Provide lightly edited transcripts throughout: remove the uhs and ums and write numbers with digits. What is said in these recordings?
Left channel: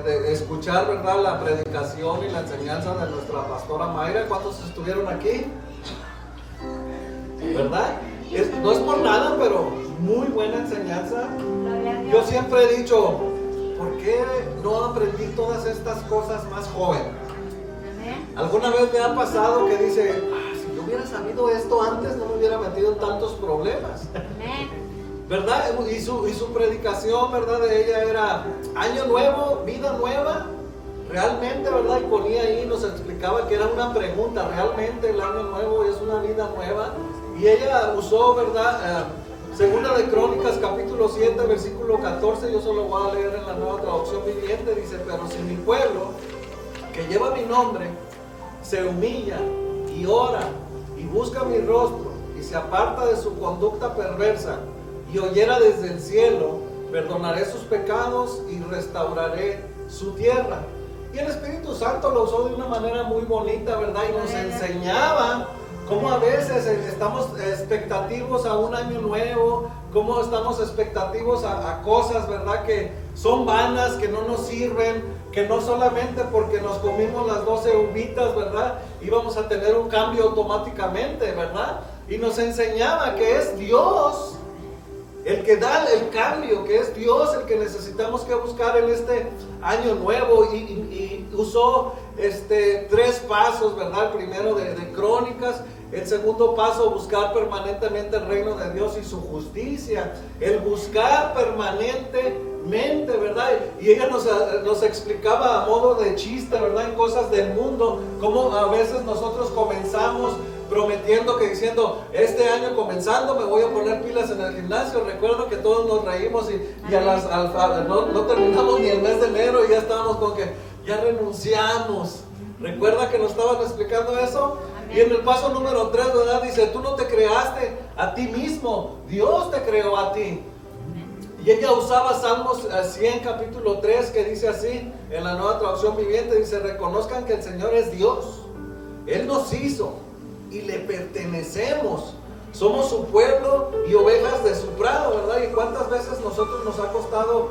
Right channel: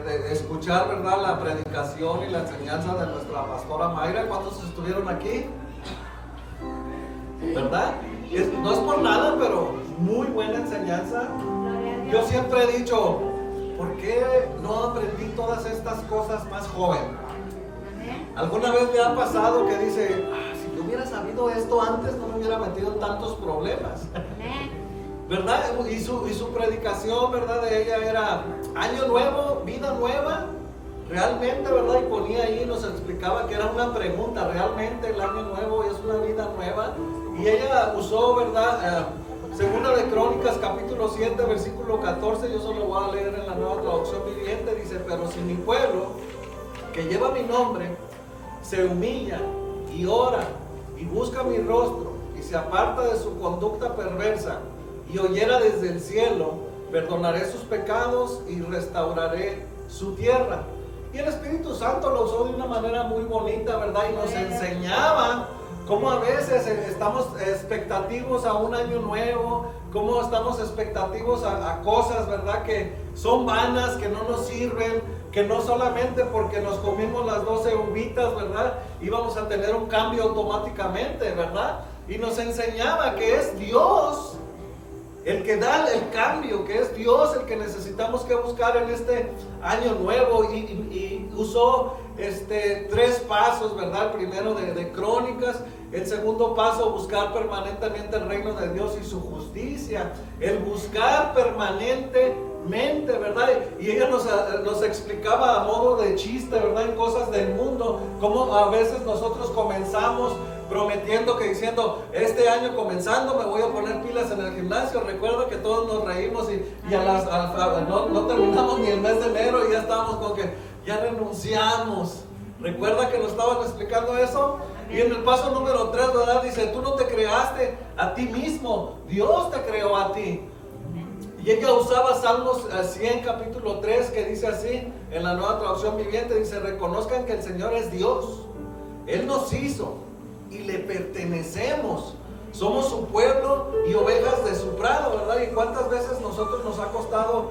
de escuchar, ¿verdad?, la predicación y la enseñanza de nuestra pastora Mayra. ¿Cuántos estuvieron aquí? ¿Verdad? No es por nada, pero muy buena enseñanza. Yo siempre he dicho, ¿por qué no aprendí todas estas cosas más joven? ¿Alguna vez me ha pasado que dice, si yo hubiera sabido esto antes, no me hubiera metido en tantos problemas? ¿Verdad? Y su predicación, ¿verdad?, de ella era año nuevo, vida nueva. Realmente, ¿verdad? Y ponía ahí, nos explicaba que era una pregunta. Realmente el año nuevo es una vida nueva. Y ella usó, ¿verdad?, Segunda de Crónicas, capítulo 7, versículo 14. Yo solo voy a leer en la Nueva Traducción Viviente. Dice, pero si mi pueblo, que lleva mi nombre, se humilla y ora y busca mi rostro y se aparta de su conducta perversa y oyera desde el cielo, perdonaré sus pecados y restauraré su tierra. Y el Espíritu Santo lo usó de una manera muy bonita, ¿verdad? Y nos enseñaba cómo a veces estamos expectativos a un año nuevo, cómo estamos expectativos a cosas, ¿verdad?, que son vanas, que no nos sirven, que no solamente porque nos comimos las 12 uvitas, ¿verdad?, íbamos a tener un cambio automáticamente, ¿verdad? Y nos enseñaba que es Dios el que da el cambio, que es Dios el que necesitamos que buscar en este año nuevo. Y usó 3 pasos, ¿verdad? El primero de Crónicas, el segundo paso, buscar permanentemente el reino de Dios y su justicia, el buscar permanentemente, ¿verdad? Y ella nos explicaba a modo de chiste, ¿verdad?, en cosas del mundo, cómo a veces nosotros comenzamos prometiendo, que diciendo, este año comenzando me voy a poner pilas en el gimnasio. Recuerdo que todos nos reímos y no terminamos ni el mes de enero y ya estábamos con que ya renunciamos. ¿Recuerda que nos estaban explicando eso? Y en el paso número 3, ¿verdad?, dice, tú no te creaste a ti mismo, Dios te creó a ti. Y ella usaba Salmos 100, capítulo 3, que dice así, en la Nueva Traducción Viviente, dice, reconozcan que el Señor es Dios, Él nos hizo y le pertenecemos, somos su pueblo y ovejas de su prado, ¿verdad? Y cuántas veces nosotros nos ha costado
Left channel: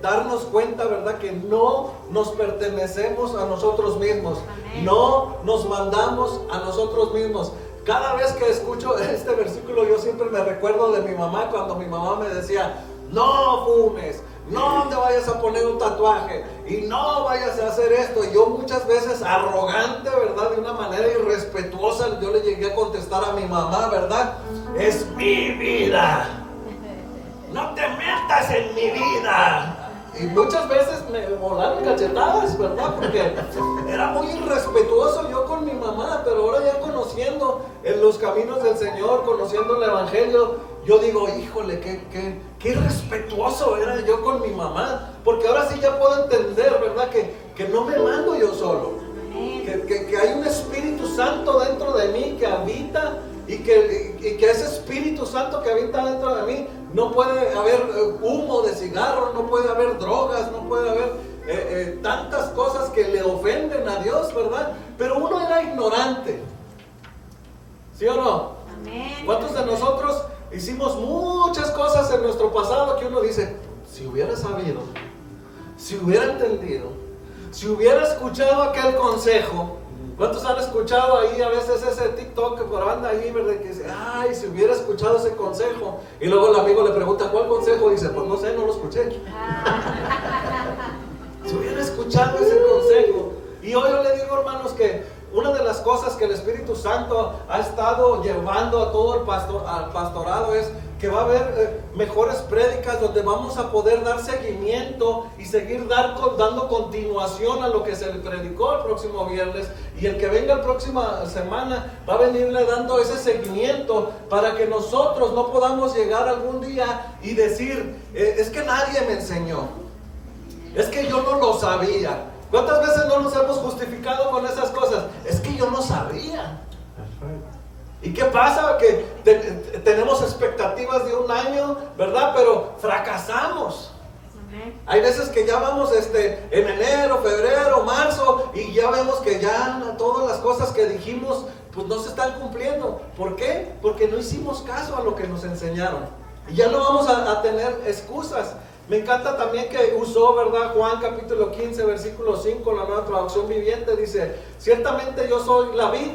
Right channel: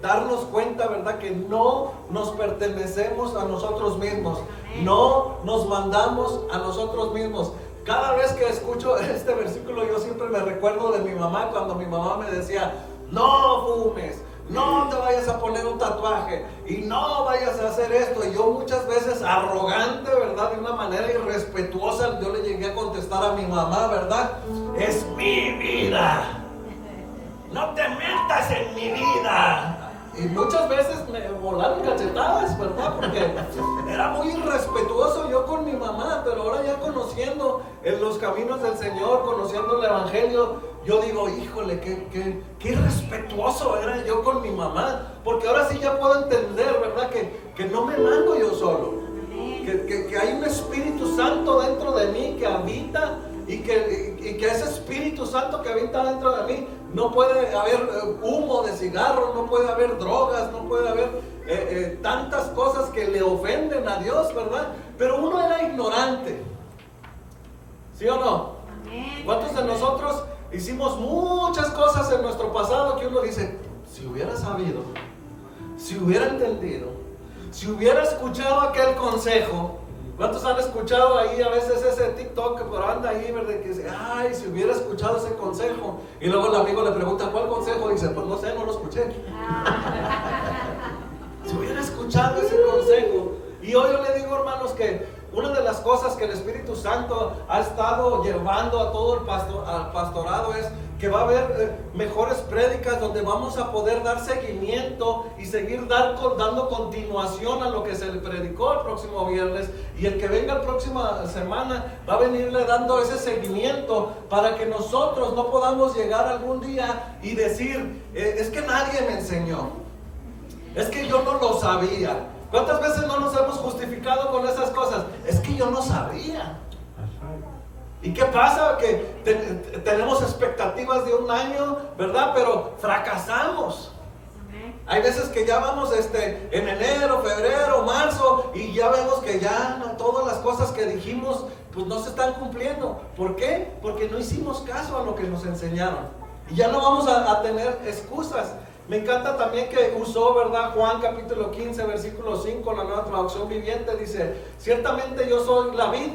darnos cuenta, ¿verdad?, que no nos pertenecemos a nosotros mismos, no nos mandamos a nosotros mismos. Cada vez que escucho este versículo, yo siempre me recuerdo de mi mamá, cuando mi mamá me decía, no fumes, no te vayas a poner un tatuaje y no vayas a hacer esto. Y yo muchas veces arrogante, ¿verdad?, de una manera irrespetuosa, yo le llegué a contestar a mi mamá, ¿verdad?, es mi vida, no te metas en mi vida. Y muchas veces me volaron cachetadas, ¿verdad?, porque era muy irrespetuoso yo con mi mamá. Pero ahora ya conociendo en los caminos del Señor, conociendo el Evangelio, yo digo, híjole, qué irrespetuoso era yo con mi mamá. Porque ahora sí ya puedo entender, ¿verdad?, que no me mando yo solo, que hay un Espíritu Santo dentro de mí que habita, y que ese Espíritu Santo que habita dentro de mí, no puede haber humo de cigarro, no puede haber drogas, no puede haber tantas cosas que le ofenden a Dios, ¿verdad? Pero uno era ignorante, ¿sí o no? Amén. ¿Cuántos de nosotros hicimos muchas cosas en nuestro pasado que uno dice, si hubiera sabido, si hubiera entendido, si hubiera escuchado aquel consejo? ¿Cuántos han escuchado ahí a veces ese TikTok que por anda ahí, verdad? Que dice, ay, si hubiera escuchado ese consejo. Y luego el amigo le pregunta, ¿cuál consejo? Y dice, pues no sé, no lo escuché. Si hubiera escuchado ese consejo. Y hoy yo le digo, hermanos, que una de las cosas que el Espíritu Santo ha estado llevando a todo al pastorado es que va a haber mejores prédicas donde vamos a poder dar seguimiento y seguir dando continuación a lo que se le predicó el próximo viernes. Y el que venga la próxima semana va a venirle dando ese seguimiento para que nosotros no podamos llegar algún día y decir, es que nadie me enseñó, es que yo no lo sabía. ¿Cuántas veces no nos hemos justificado con esas cosas? Es que yo no sabía. ¿Y qué pasa? Que tenemos expectativas de un año, ¿verdad? Pero fracasamos. Hay veces que ya vamos en enero, febrero, marzo, y ya vemos que ya no, todas las cosas que dijimos pues no se están cumpliendo. ¿Por qué? Porque no hicimos caso a lo que nos enseñaron. Y ya no vamos a tener excusas. Me encanta también que usó, ¿verdad? Juan capítulo 15, versículo 5, la Nueva Traducción Viviente, dice: ciertamente yo soy la vid,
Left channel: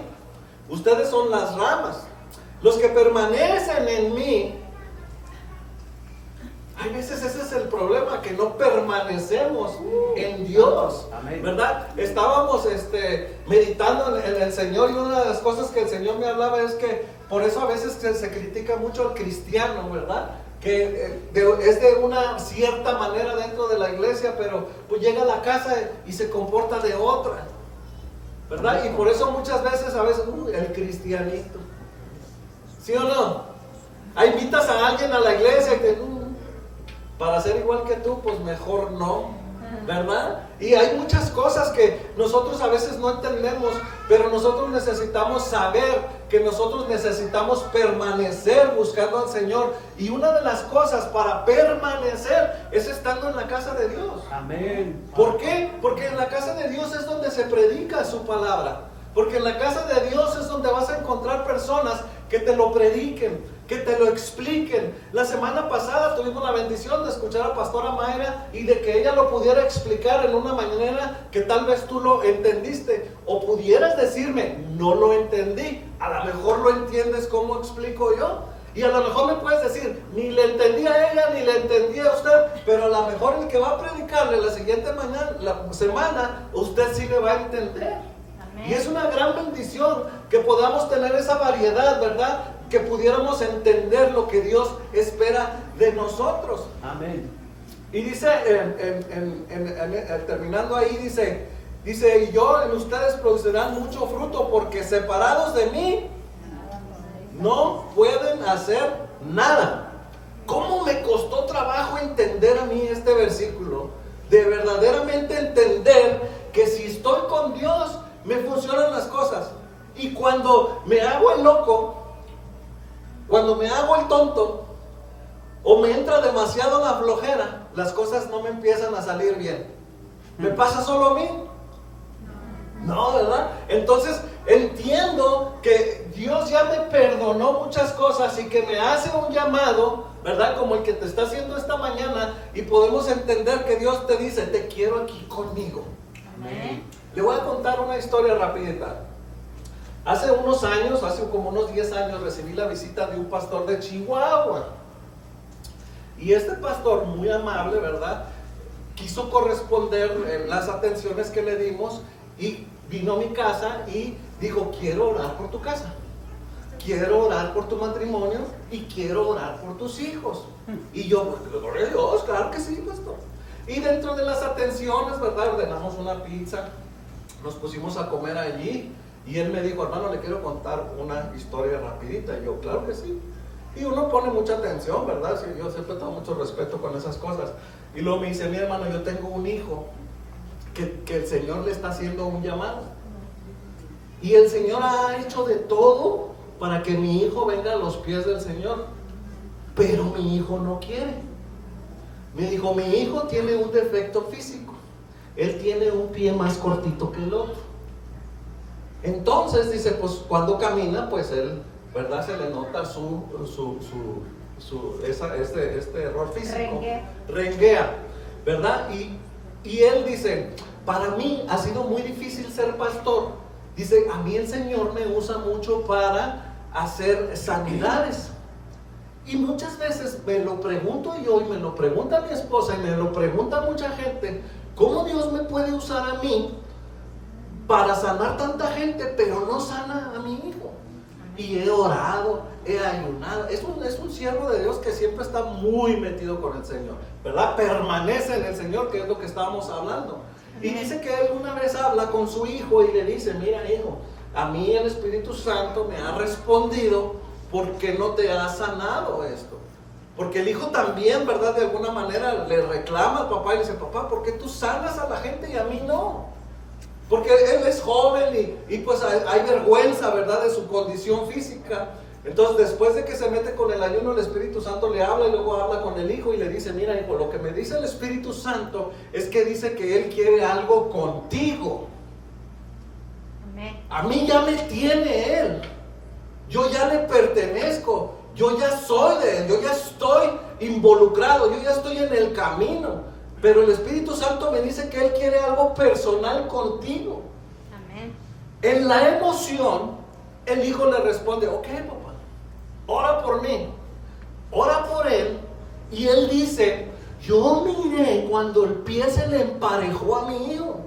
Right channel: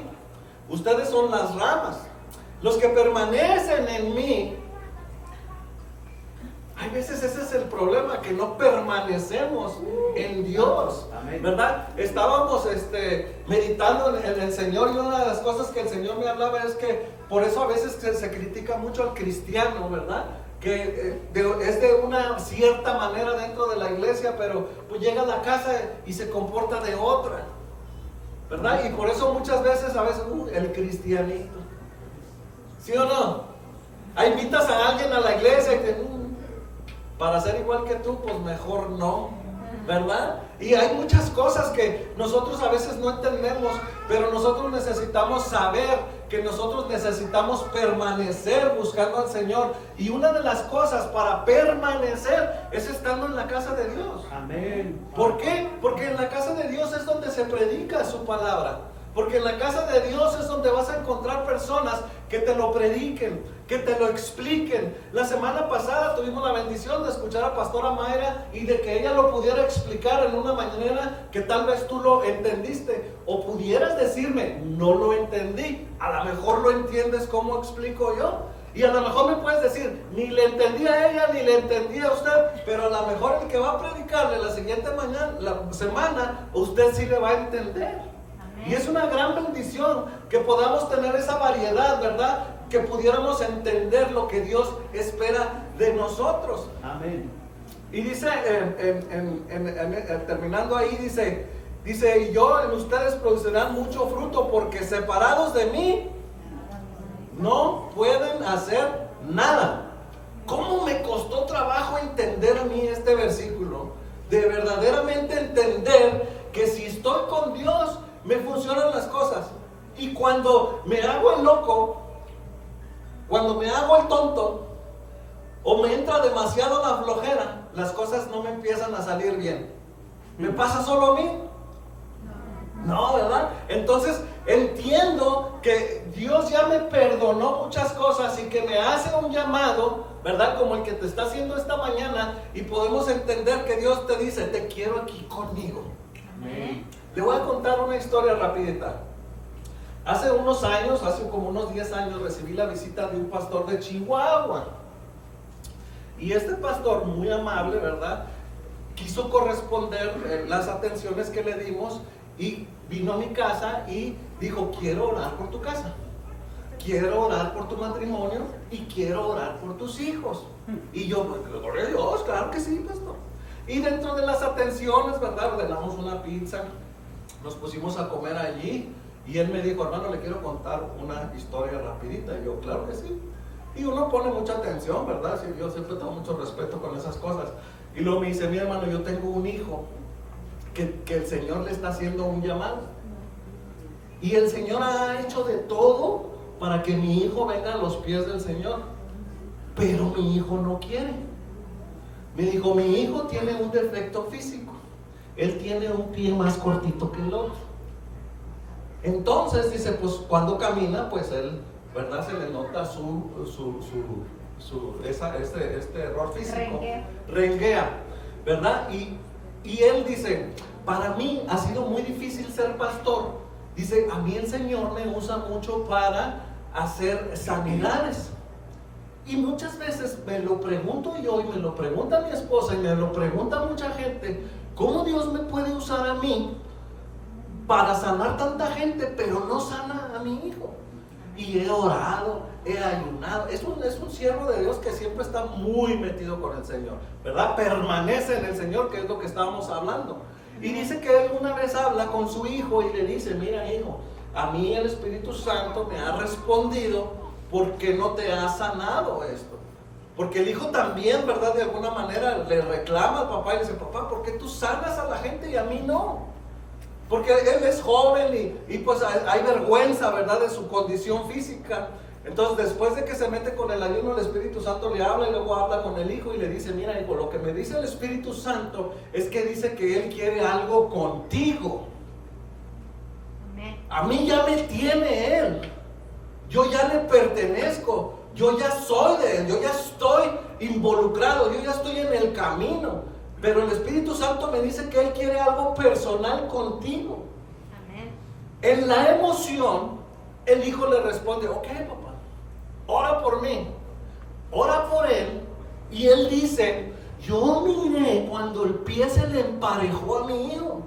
ustedes son las ramas. Los que permanecen en mí. Hay veces ese es el problema, que no permanecemos en Dios, ¿verdad? Estábamos meditando en el Señor, y una de las cosas que el Señor me hablaba es que por eso a veces se critica mucho al cristiano, ¿verdad? Que es de una cierta manera dentro de la iglesia, pero pues llega a la casa y se comporta de otra, ¿verdad? Y por eso muchas veces, a veces, el cristianito, ¿sí o no? Ahí invitas a alguien a la iglesia y te... para ser igual que tú, pues mejor no, ¿verdad? Y hay muchas cosas que nosotros a veces no entendemos, pero nosotros necesitamos saber que nosotros necesitamos permanecer buscando al Señor. Y una de las cosas para permanecer es estando en la casa de Dios. Amén. ¿Por qué? Porque en la casa de Dios es donde se predica su palabra. Porque en la casa de Dios es donde vas a encontrar personas que te lo prediquen, que te lo expliquen. La semana pasada tuvimos la bendición de escuchar a Pastora Mayra y de que ella lo pudiera explicar en una manera que tal vez tú lo entendiste. O pudieras decirme, no lo entendí. A lo mejor lo entiendes como explico yo. Y a lo mejor me puedes decir, ni le entendí a ella, ni le entendí a usted, pero a lo mejor el que va a predicarle la siguiente semana, usted sí le va a entender. Y es una gran bendición que podamos tener esa variedad, ¿verdad? Que pudiéramos entender lo que Dios espera de nosotros. Amén. Y dice, terminando ahí, dice, y yo en ustedes producirán mucho fruto, porque separados de mí no pueden hacer nada. ¿Cómo me costó trabajo entender a mí este versículo? De verdaderamente entender que si estoy con Dios, me funcionan las cosas. Y cuando me hago el loco, cuando me hago el tonto, o me entra demasiado la flojera, las cosas no me empiezan a salir bien. ¿Me pasa solo a mí? No, ¿verdad? Entonces entiendo que Dios ya me perdonó muchas cosas y que me hace un llamado, ¿verdad? Como el que te está haciendo esta mañana, y podemos entender que Dios te dice, te quiero aquí conmigo. Amén. Le voy a contar una historia rapidita. Hace unos años, hace como unos 10 años, recibí la visita de un pastor de Chihuahua. Y este pastor, muy amable, ¿verdad?, quiso corresponder las atenciones que le dimos y vino a mi casa y dijo, quiero orar por tu casa, quiero orar por tu matrimonio y quiero orar por tus hijos. Y yo, pues, gloria a Dios, claro que sí, pastor. Y dentro de las atenciones, ¿verdad?, ordenamos una pizza. Nos pusimos a comer allí y él me dijo, hermano, le quiero contar una historia rapidita. Y yo, claro que sí. Y uno pone mucha atención, ¿verdad? Sí, yo siempre tengo mucho respeto con esas cosas. Y luego me dice, mi hermano, yo tengo un hijo que el Señor le está haciendo un llamado. Y el Señor ha hecho de todo para que mi hijo venga a los pies del Señor. Pero mi hijo no quiere. Me dijo, mi hijo tiene un defecto físico. Él tiene un pie más cortito que el otro. Entonces dice, pues cuando camina, pues él, ¿verdad?, se le nota este error físico. Renguea, ¿verdad? Y él dice, para mí ha sido muy difícil ser pastor. Dice, a mí el Señor me usa mucho para hacer sanidades. Y muchas veces me lo pregunto yo, y me lo pregunta mi esposa, y me lo pregunta mucha gente, ¿cómo Dios me puede usar a mí para sanar tanta gente, pero no sana a mi hijo? Y he orado, he ayunado. Es un siervo de Dios que siempre está muy metido con el Señor, ¿verdad? Permanece en el Señor, que es lo que estábamos hablando. Y dice que él una vez habla con su hijo y le dice, mira, hijo, a mí el Espíritu Santo me ha respondido, ¿por qué no te ha sanado esto? Porque el hijo también, ¿verdad?, de alguna manera le reclama al papá y le dice, papá, ¿por qué tú sanas a la gente y a mí no? Porque él es joven y pues hay vergüenza, ¿verdad?, de su condición física. Entonces, después de que se mete con el ayuno, el Espíritu Santo le habla y luego habla con el hijo y le dice, mira, hijo, lo que me dice el Espíritu Santo es que dice que él quiere algo contigo. A mí ya me tiene él. Yo ya le pertenezco, Yo ya soy de Él, yo ya estoy involucrado, yo ya estoy en el camino. Pero el Espíritu Santo me dice que Él quiere algo personal contigo. Amén. En la emoción, el hijo le responde, ok, papá, ora por mí, ora por él. Y él dice, yo miré cuando el pie se le emparejó a mi hijo.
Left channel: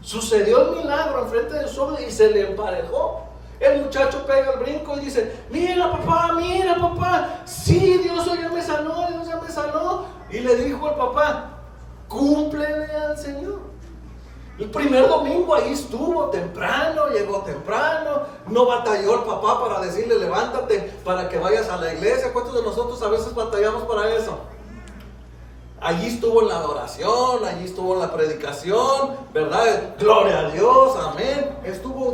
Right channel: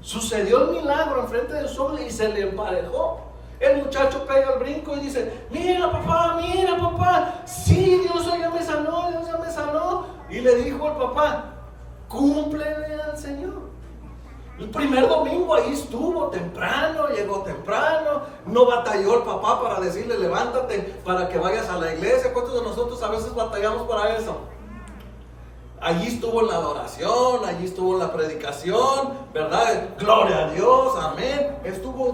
Sucedió el milagro enfrente de su ojos y se le emparejó. El muchacho pega el brinco y dice, mira papá, sí, Dios ya me sanó, Dios ya me sanó. Y le dijo al papá, cúmplele al Señor. El primer domingo ahí estuvo temprano, llegó temprano, no batalló el papá para decirle levántate para que vayas a la iglesia. ¿Cuántos de nosotros a veces batallamos para eso? Allí estuvo en la adoración, allí estuvo en la predicación, ¿verdad? Gloria a Dios, amén.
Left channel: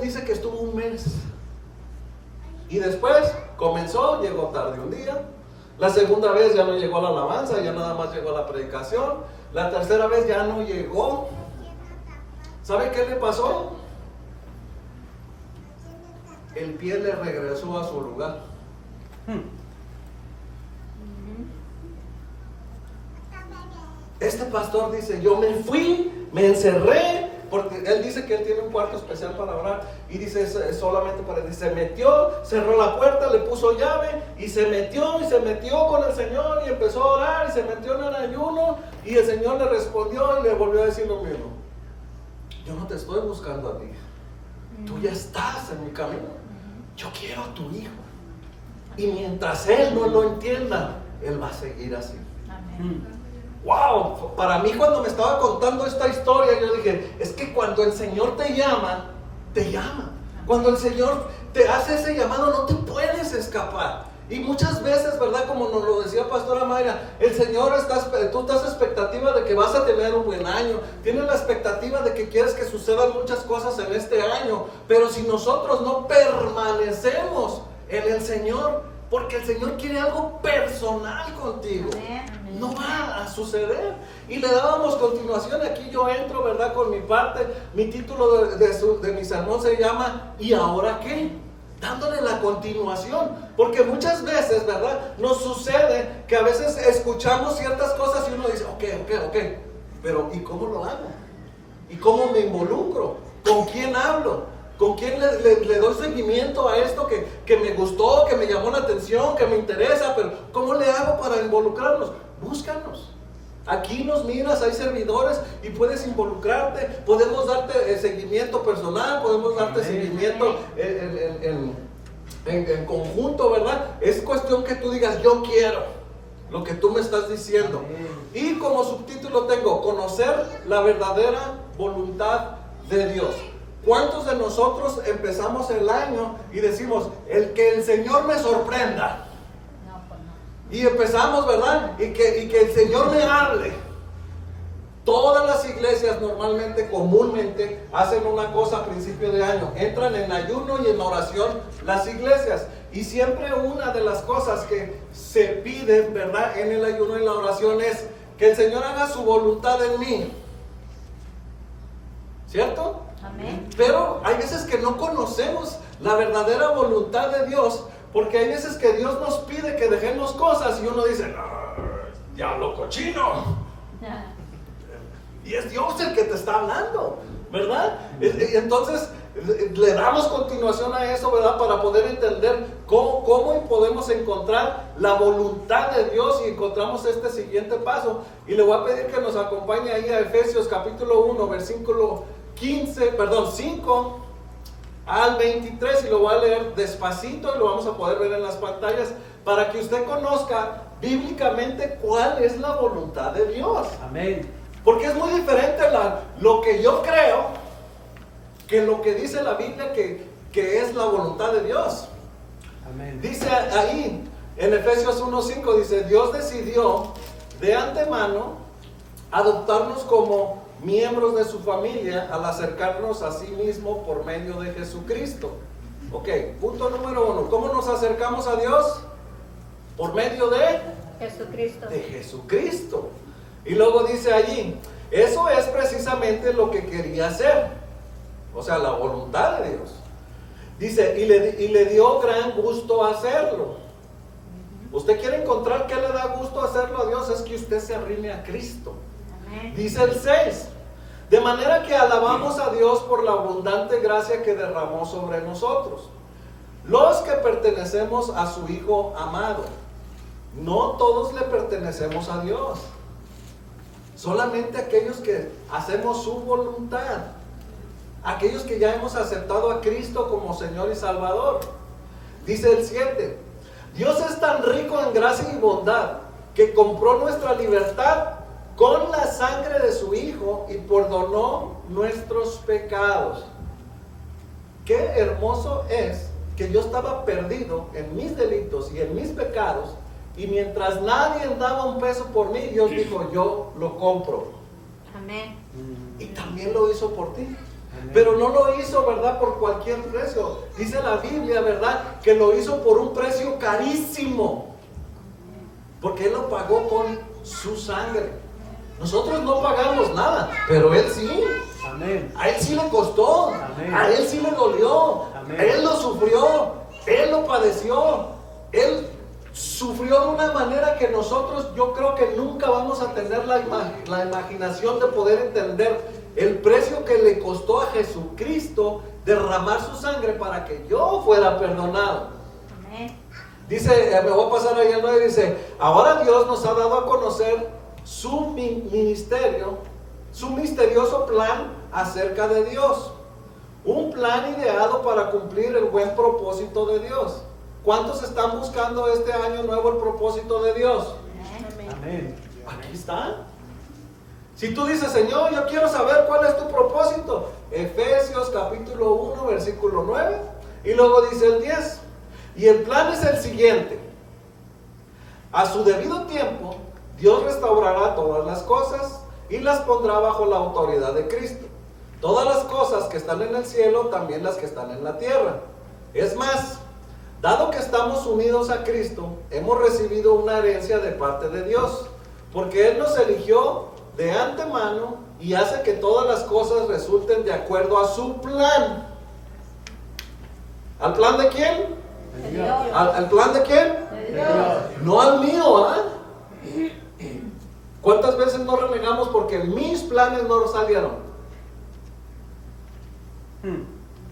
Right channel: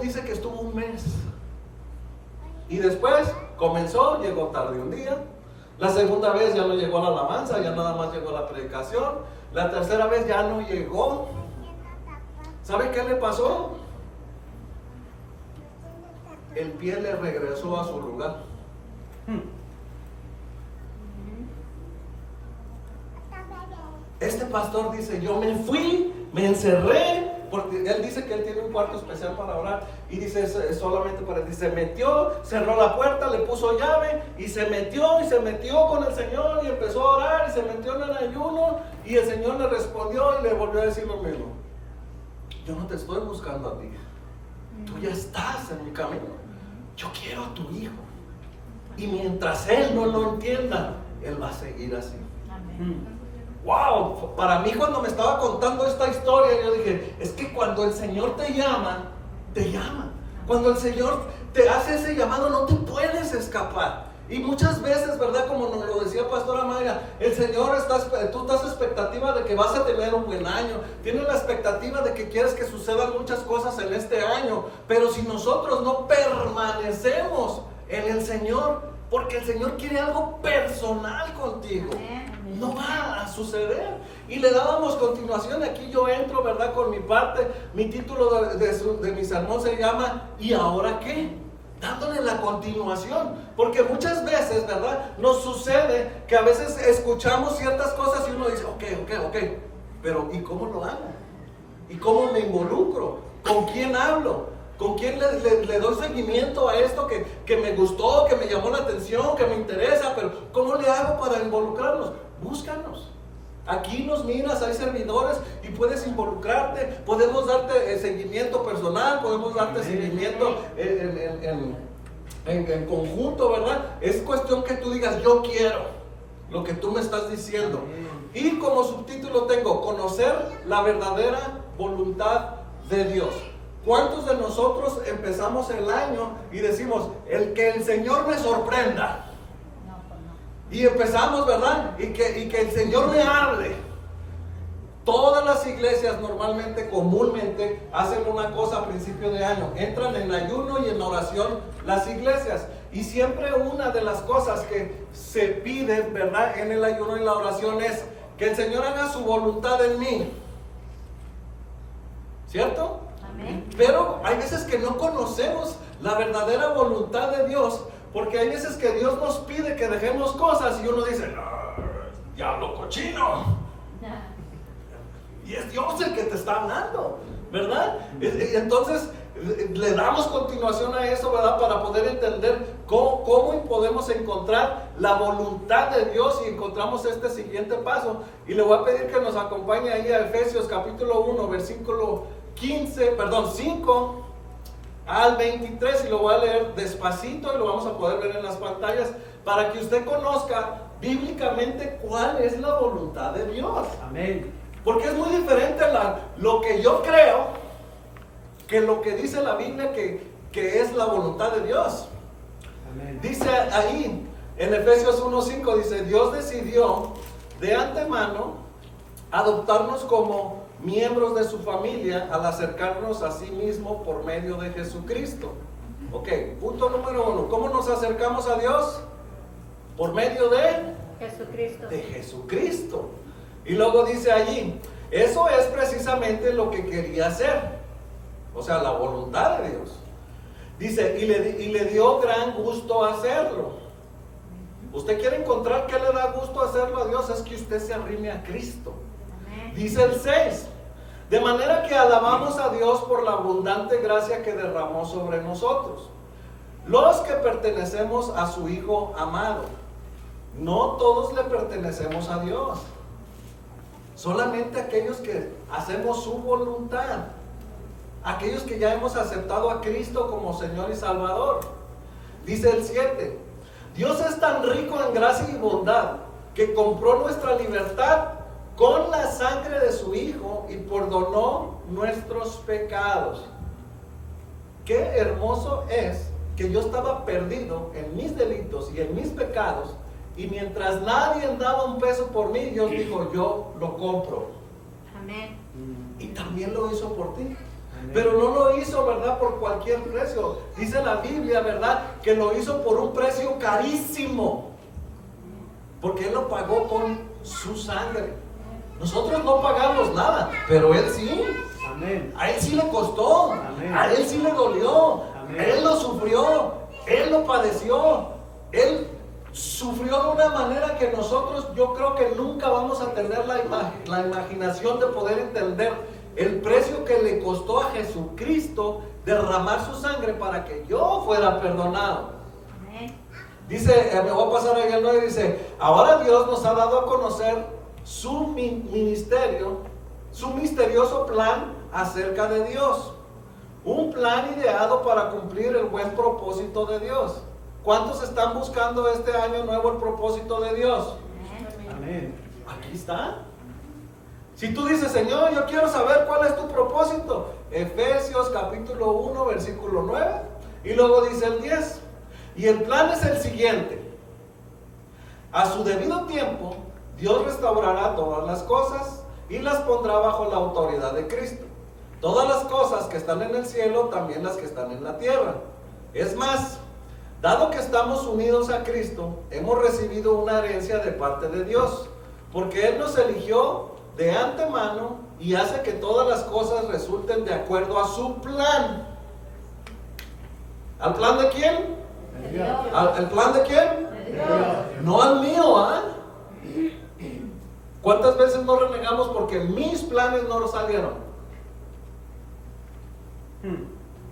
Dice que estuvo un mes. Y después comenzó, llegó tarde un día. La segunda vez ya no llegó la alabanza, ya nada más llegó la predicación. La tercera vez ya no llegó. ¿Sabe qué le pasó? El pie le regresó a su lugar. Este pastor dice, yo me fui, me encerré, porque él dice que él tiene un cuarto especial para orar, y dice, solamente para él, se metió, cerró la puerta, le puso llave, y se metió con el Señor, y empezó a orar, y se metió en el ayuno, y el Señor le respondió, y le volvió a decir lo mismo. Yo no te estoy buscando a ti, tú ya estás en mi camino, yo quiero a tu hijo, y mientras él no lo entienda, él va a seguir así. Amén. Wow, para mí cuando me estaba contando esta historia, yo dije, es que cuando el Señor te llama, te llama. Cuando el Señor te hace ese llamado, no te puedes escapar. Y muchas veces, ¿verdad? Como nos lo decía Pastora Mayra, el Señor, tú estás expectativa de que vas a tener un buen año. Tienes la expectativa de que quieres que sucedan muchas cosas en este año. Pero si nosotros no permanecemos en el Señor, porque el Señor quiere algo personal contigo, no va a suceder. Y le dábamos continuación. Aquí yo entro, ¿verdad? Con mi parte. Mi título de mi sermón se llama ¿y ahora qué? Dándole la continuación. Porque muchas veces, ¿verdad? Nos sucede que a veces escuchamos ciertas cosas y uno dice, ok. Pero ¿y cómo lo hago? ¿Y cómo me involucro? ¿Con quién hablo? ¿Con quién le doy seguimiento a esto que me gustó, que me llamó la atención, que me interesa? Pero ¿cómo le hago para involucrarnos? Búscanos. Aquí nos miras, hay servidores y puedes involucrarte. Podemos darte seguimiento personal, podemos darte seguimiento en conjunto, ¿verdad? Es cuestión que tú digas, yo quiero lo que tú me estás diciendo. Y como subtítulo tengo, conocer la verdadera voluntad de Dios. ¿Cuántos de nosotros empezamos el año y decimos, que el Señor me sorprenda? Y empezamos, ¿verdad? Y que el Señor me hable. Todas las iglesias normalmente, comúnmente, hacen una cosa a principio de año. Entran en ayuno y en oración las iglesias. Y siempre una de las cosas que se piden, ¿verdad? En el ayuno y la oración es que el Señor haga su voluntad en mí. ¿Cierto? Amén. Pero hay veces que no conocemos la verdadera voluntad de Dios, porque hay veces que Dios nos pide que dejemos cosas y uno dice, no, diablo cochino. Y es Dios el que te está hablando, ¿verdad? Entonces le damos continuación a eso, ¿verdad? Para poder entender cómo podemos encontrar la voluntad de Dios y encontramos este siguiente paso. Y le voy a pedir que nos acompañe ahí a Efesios capítulo 1, versículo 5 al 23, y lo voy a leer despacito y lo vamos a poder ver en las pantallas para que usted conozca bíblicamente cuál es la voluntad de Dios. Amén. Porque es muy diferente lo que yo creo que lo que dice la Biblia que es la voluntad de Dios. Amén. Dice ahí en Efesios 1:5, dice, Dios decidió de antemano adoptarnos como miembros de su familia al acercarnos a sí mismo por medio de Jesucristo. Ok, punto número 1. ¿Cómo nos acercamos a Dios? Por medio de Jesucristo. Y luego dice allí, eso es precisamente lo que quería hacer. O sea, la voluntad de Dios. Dice, y le dio gran gusto hacerlo. Usted quiere encontrar qué le da gusto hacerlo a Dios, es que usted se arrime a Cristo. Dice el 6, de manera que alabamos a Dios por la abundante gracia que derramó sobre nosotros, los que pertenecemos a su Hijo amado. No todos le pertenecemos a Dios, solamente aquellos que hacemos su voluntad, aquellos que ya hemos aceptado a Cristo como Señor y Salvador. Dice el 7, Dios es tan rico en gracia y bondad que compró nuestra libertad con la sangre de su Hijo y perdonó nuestros pecados. Qué hermoso es que yo estaba perdido en mis delitos y en mis pecados, y mientras nadie daba un peso por mí, Dios dijo, yo lo compro. Amén. Y también lo hizo por ti. Pero no lo hizo, ¿verdad?, por cualquier precio. Dice la Biblia, ¿verdad?, que lo hizo por un precio carísimo, porque Él lo pagó con su sangre. Nosotros no pagamos nada, pero Él sí. Amén. A Él sí le costó. Amén. A Él sí le dolió. Amén. Él lo sufrió. Él lo padeció. Él sufrió de una manera que nosotros, yo creo que nunca vamos a tener la imaginación de poder entender el precio que le costó a Jesucristo derramar su sangre para que yo fuera perdonado. Amén. Dice, me voy a pasar ahí al 9, dice, ahora Dios nos ha dado a conocer su ministerio, su misterioso plan acerca de Dios. Un plan ideado para cumplir el buen propósito de Dios. ¿Cuántos están buscando este año nuevo el propósito de Dios? Amén. Aquí está. Si tú dices, Señor, yo quiero saber cuál es tu propósito, Efesios capítulo 1, versículo 9, y luego dice el 10, y el plan es el siguiente: a su debido tiempo, Dios restaurará todas las cosas y las pondrá bajo la autoridad de Cristo. Todas las cosas que están en el cielo, también las que están en la tierra. Es más, dado que estamos unidos a Cristo, hemos recibido una herencia de parte de Dios, porque Él nos eligió de antemano y hace que todas las cosas resulten de acuerdo a su plan. ¿Al plan de quién? De Dios. ¿Al plan de quién? De Dios. No al mío, ¿ah? ¿Cuántas veces nos renegamos porque mis planes no salieron?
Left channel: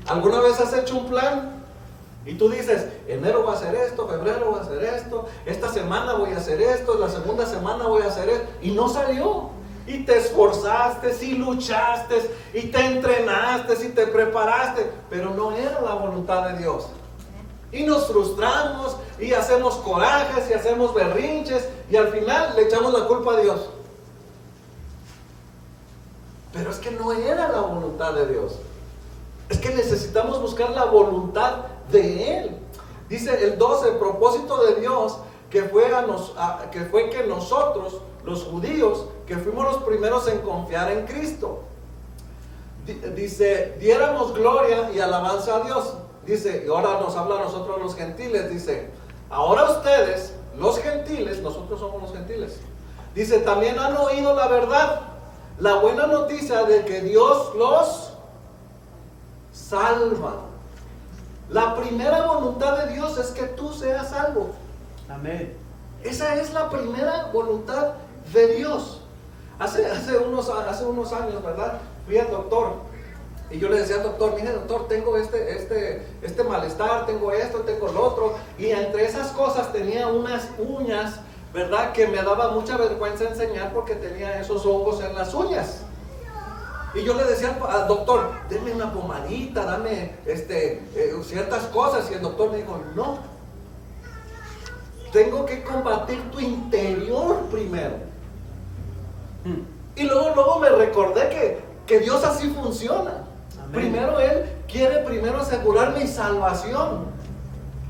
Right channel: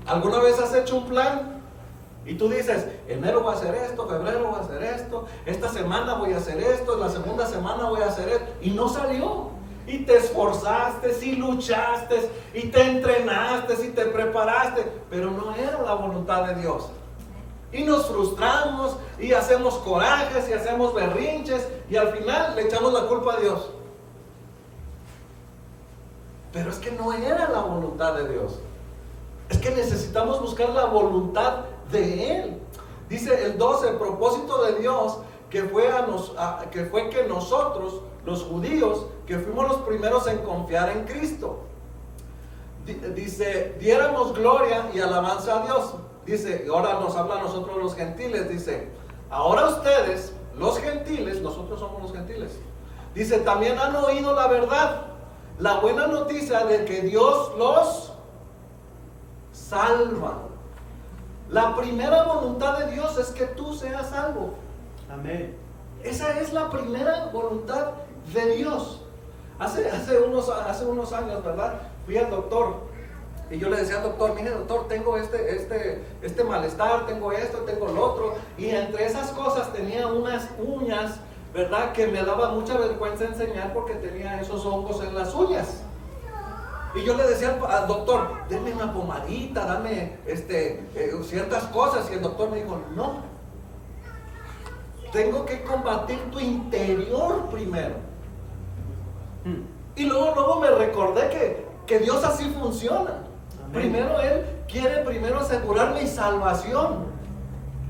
¿Alguna vez has hecho un plan? Y tú dices, enero voy a hacer esto, febrero voy a hacer esto, esta semana voy a hacer esto, la segunda semana voy a hacer esto, y no salió. Y te esforzaste, y luchaste, y te entrenaste, y te preparaste, pero no era la voluntad de Dios. Y nos frustramos, y hacemos corajes, y hacemos berrinches, y al final le echamos la culpa a Dios. Pero es que no era la voluntad de Dios. Es que necesitamos buscar la voluntad de Él. Dice el 12, el propósito de Dios que fue que nosotros, los judíos, que fuimos los primeros en confiar en Cristo, dice, diéramos gloria y alabanza a Dios. Dice, y ahora nos habla a nosotros los gentiles, dice, ahora ustedes, los gentiles, nosotros somos los gentiles, dice, también han oído la verdad, la buena noticia de que Dios los salva. La primera voluntad de Dios es que tú seas salvo. Amén. Esa es la primera voluntad de Dios. Hace unos años, ¿verdad? Fui al doctor y yo le decía al doctor, mire doctor, tengo este malestar, tengo esto, tengo lo otro, y entre esas cosas tenía unas uñas, ¿verdad?, que me daba mucha vergüenza enseñar porque tenía esos hongos en las uñas. Y yo le decía al doctor, denme una pomadita, dame ciertas cosas. Y el doctor me dijo, no, tengo que combatir tu interior primero. Y luego me recordé que Dios así funciona. Amén. Primero Él quiere asegurar mi salvación.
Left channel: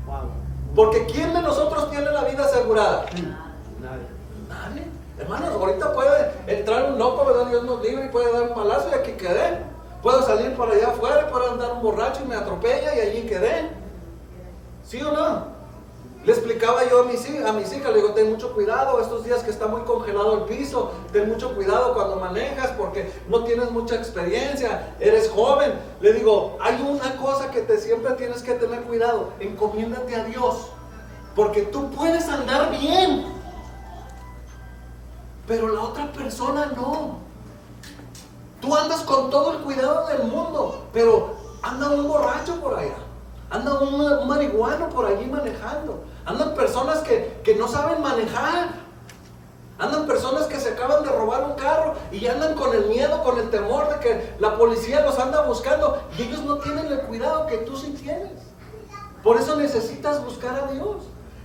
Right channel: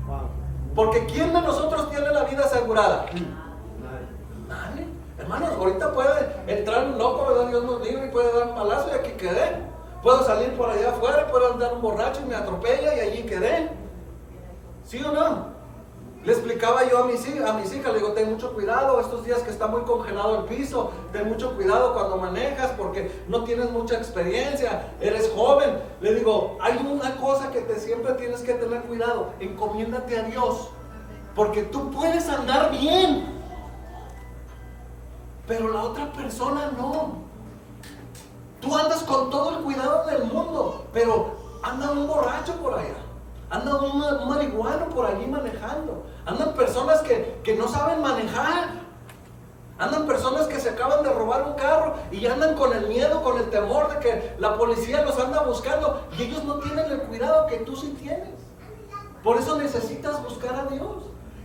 Wow. Porque ¿quién de nosotros tiene la vida asegurada? Nadie. Hermanos, ahorita puede entrar un loco, ¿verdad? Dios nos libre, y puede dar un palazo y aquí quedé. Puedo salir por allá afuera, puedo andar un borracho y me atropella y allí quedé. ¿Sí o no? Le explicaba yo a mis hijas, le digo, ten mucho cuidado estos días que está muy congelado el piso, ten mucho cuidado cuando manejas porque no tienes mucha experiencia, eres joven. Le digo, hay una cosa que siempre tienes que tener cuidado, encomiéndate a Dios. Porque tú puedes andar bien, pero la otra persona no. Tú andas con todo el cuidado del mundo, pero anda un borracho por allá, anda un marihuano por allí manejando, andan personas que no saben manejar. Andan personas que se acaban de robar un carro y andan con el miedo, con el temor de que la policía los anda buscando, y ellos no tienen el cuidado que tú sí tienes. Por eso necesitas buscar a Dios.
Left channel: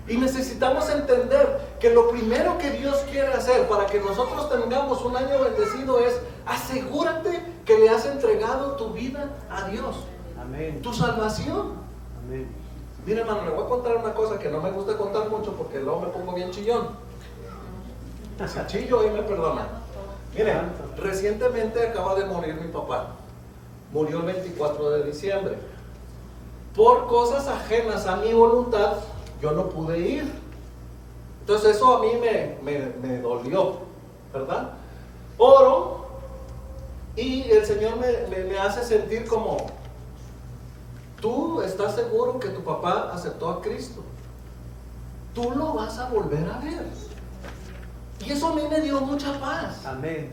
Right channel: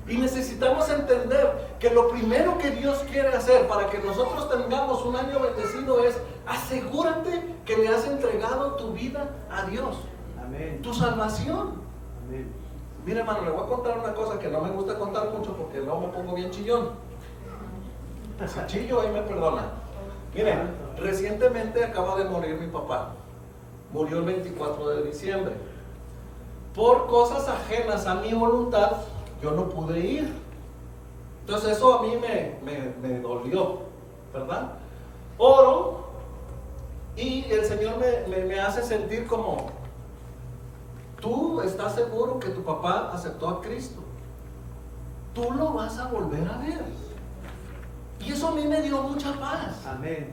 Y necesitamos entender que lo primero que Dios quiere hacer para que nosotros tengamos un año bendecido es: asegúrate que le has entregado tu vida a Dios. Amén. Tu salvación. Amén. Mira, hermano, le voy a contar una cosa que no me gusta contar mucho porque luego me pongo bien chillón. Si chillo, ahí me perdona. Miren, recientemente acaba de morir mi papá. Murió el 24 de diciembre. Por cosas ajenas a mi voluntad, yo no pude ir. Entonces eso a mí me dolió, ¿verdad? Oro y el Señor me hace sentir como: tú estás seguro que tu papá aceptó a Cristo. Tú lo vas a volver a ver. Y eso a mí me dio mucha paz. Amén.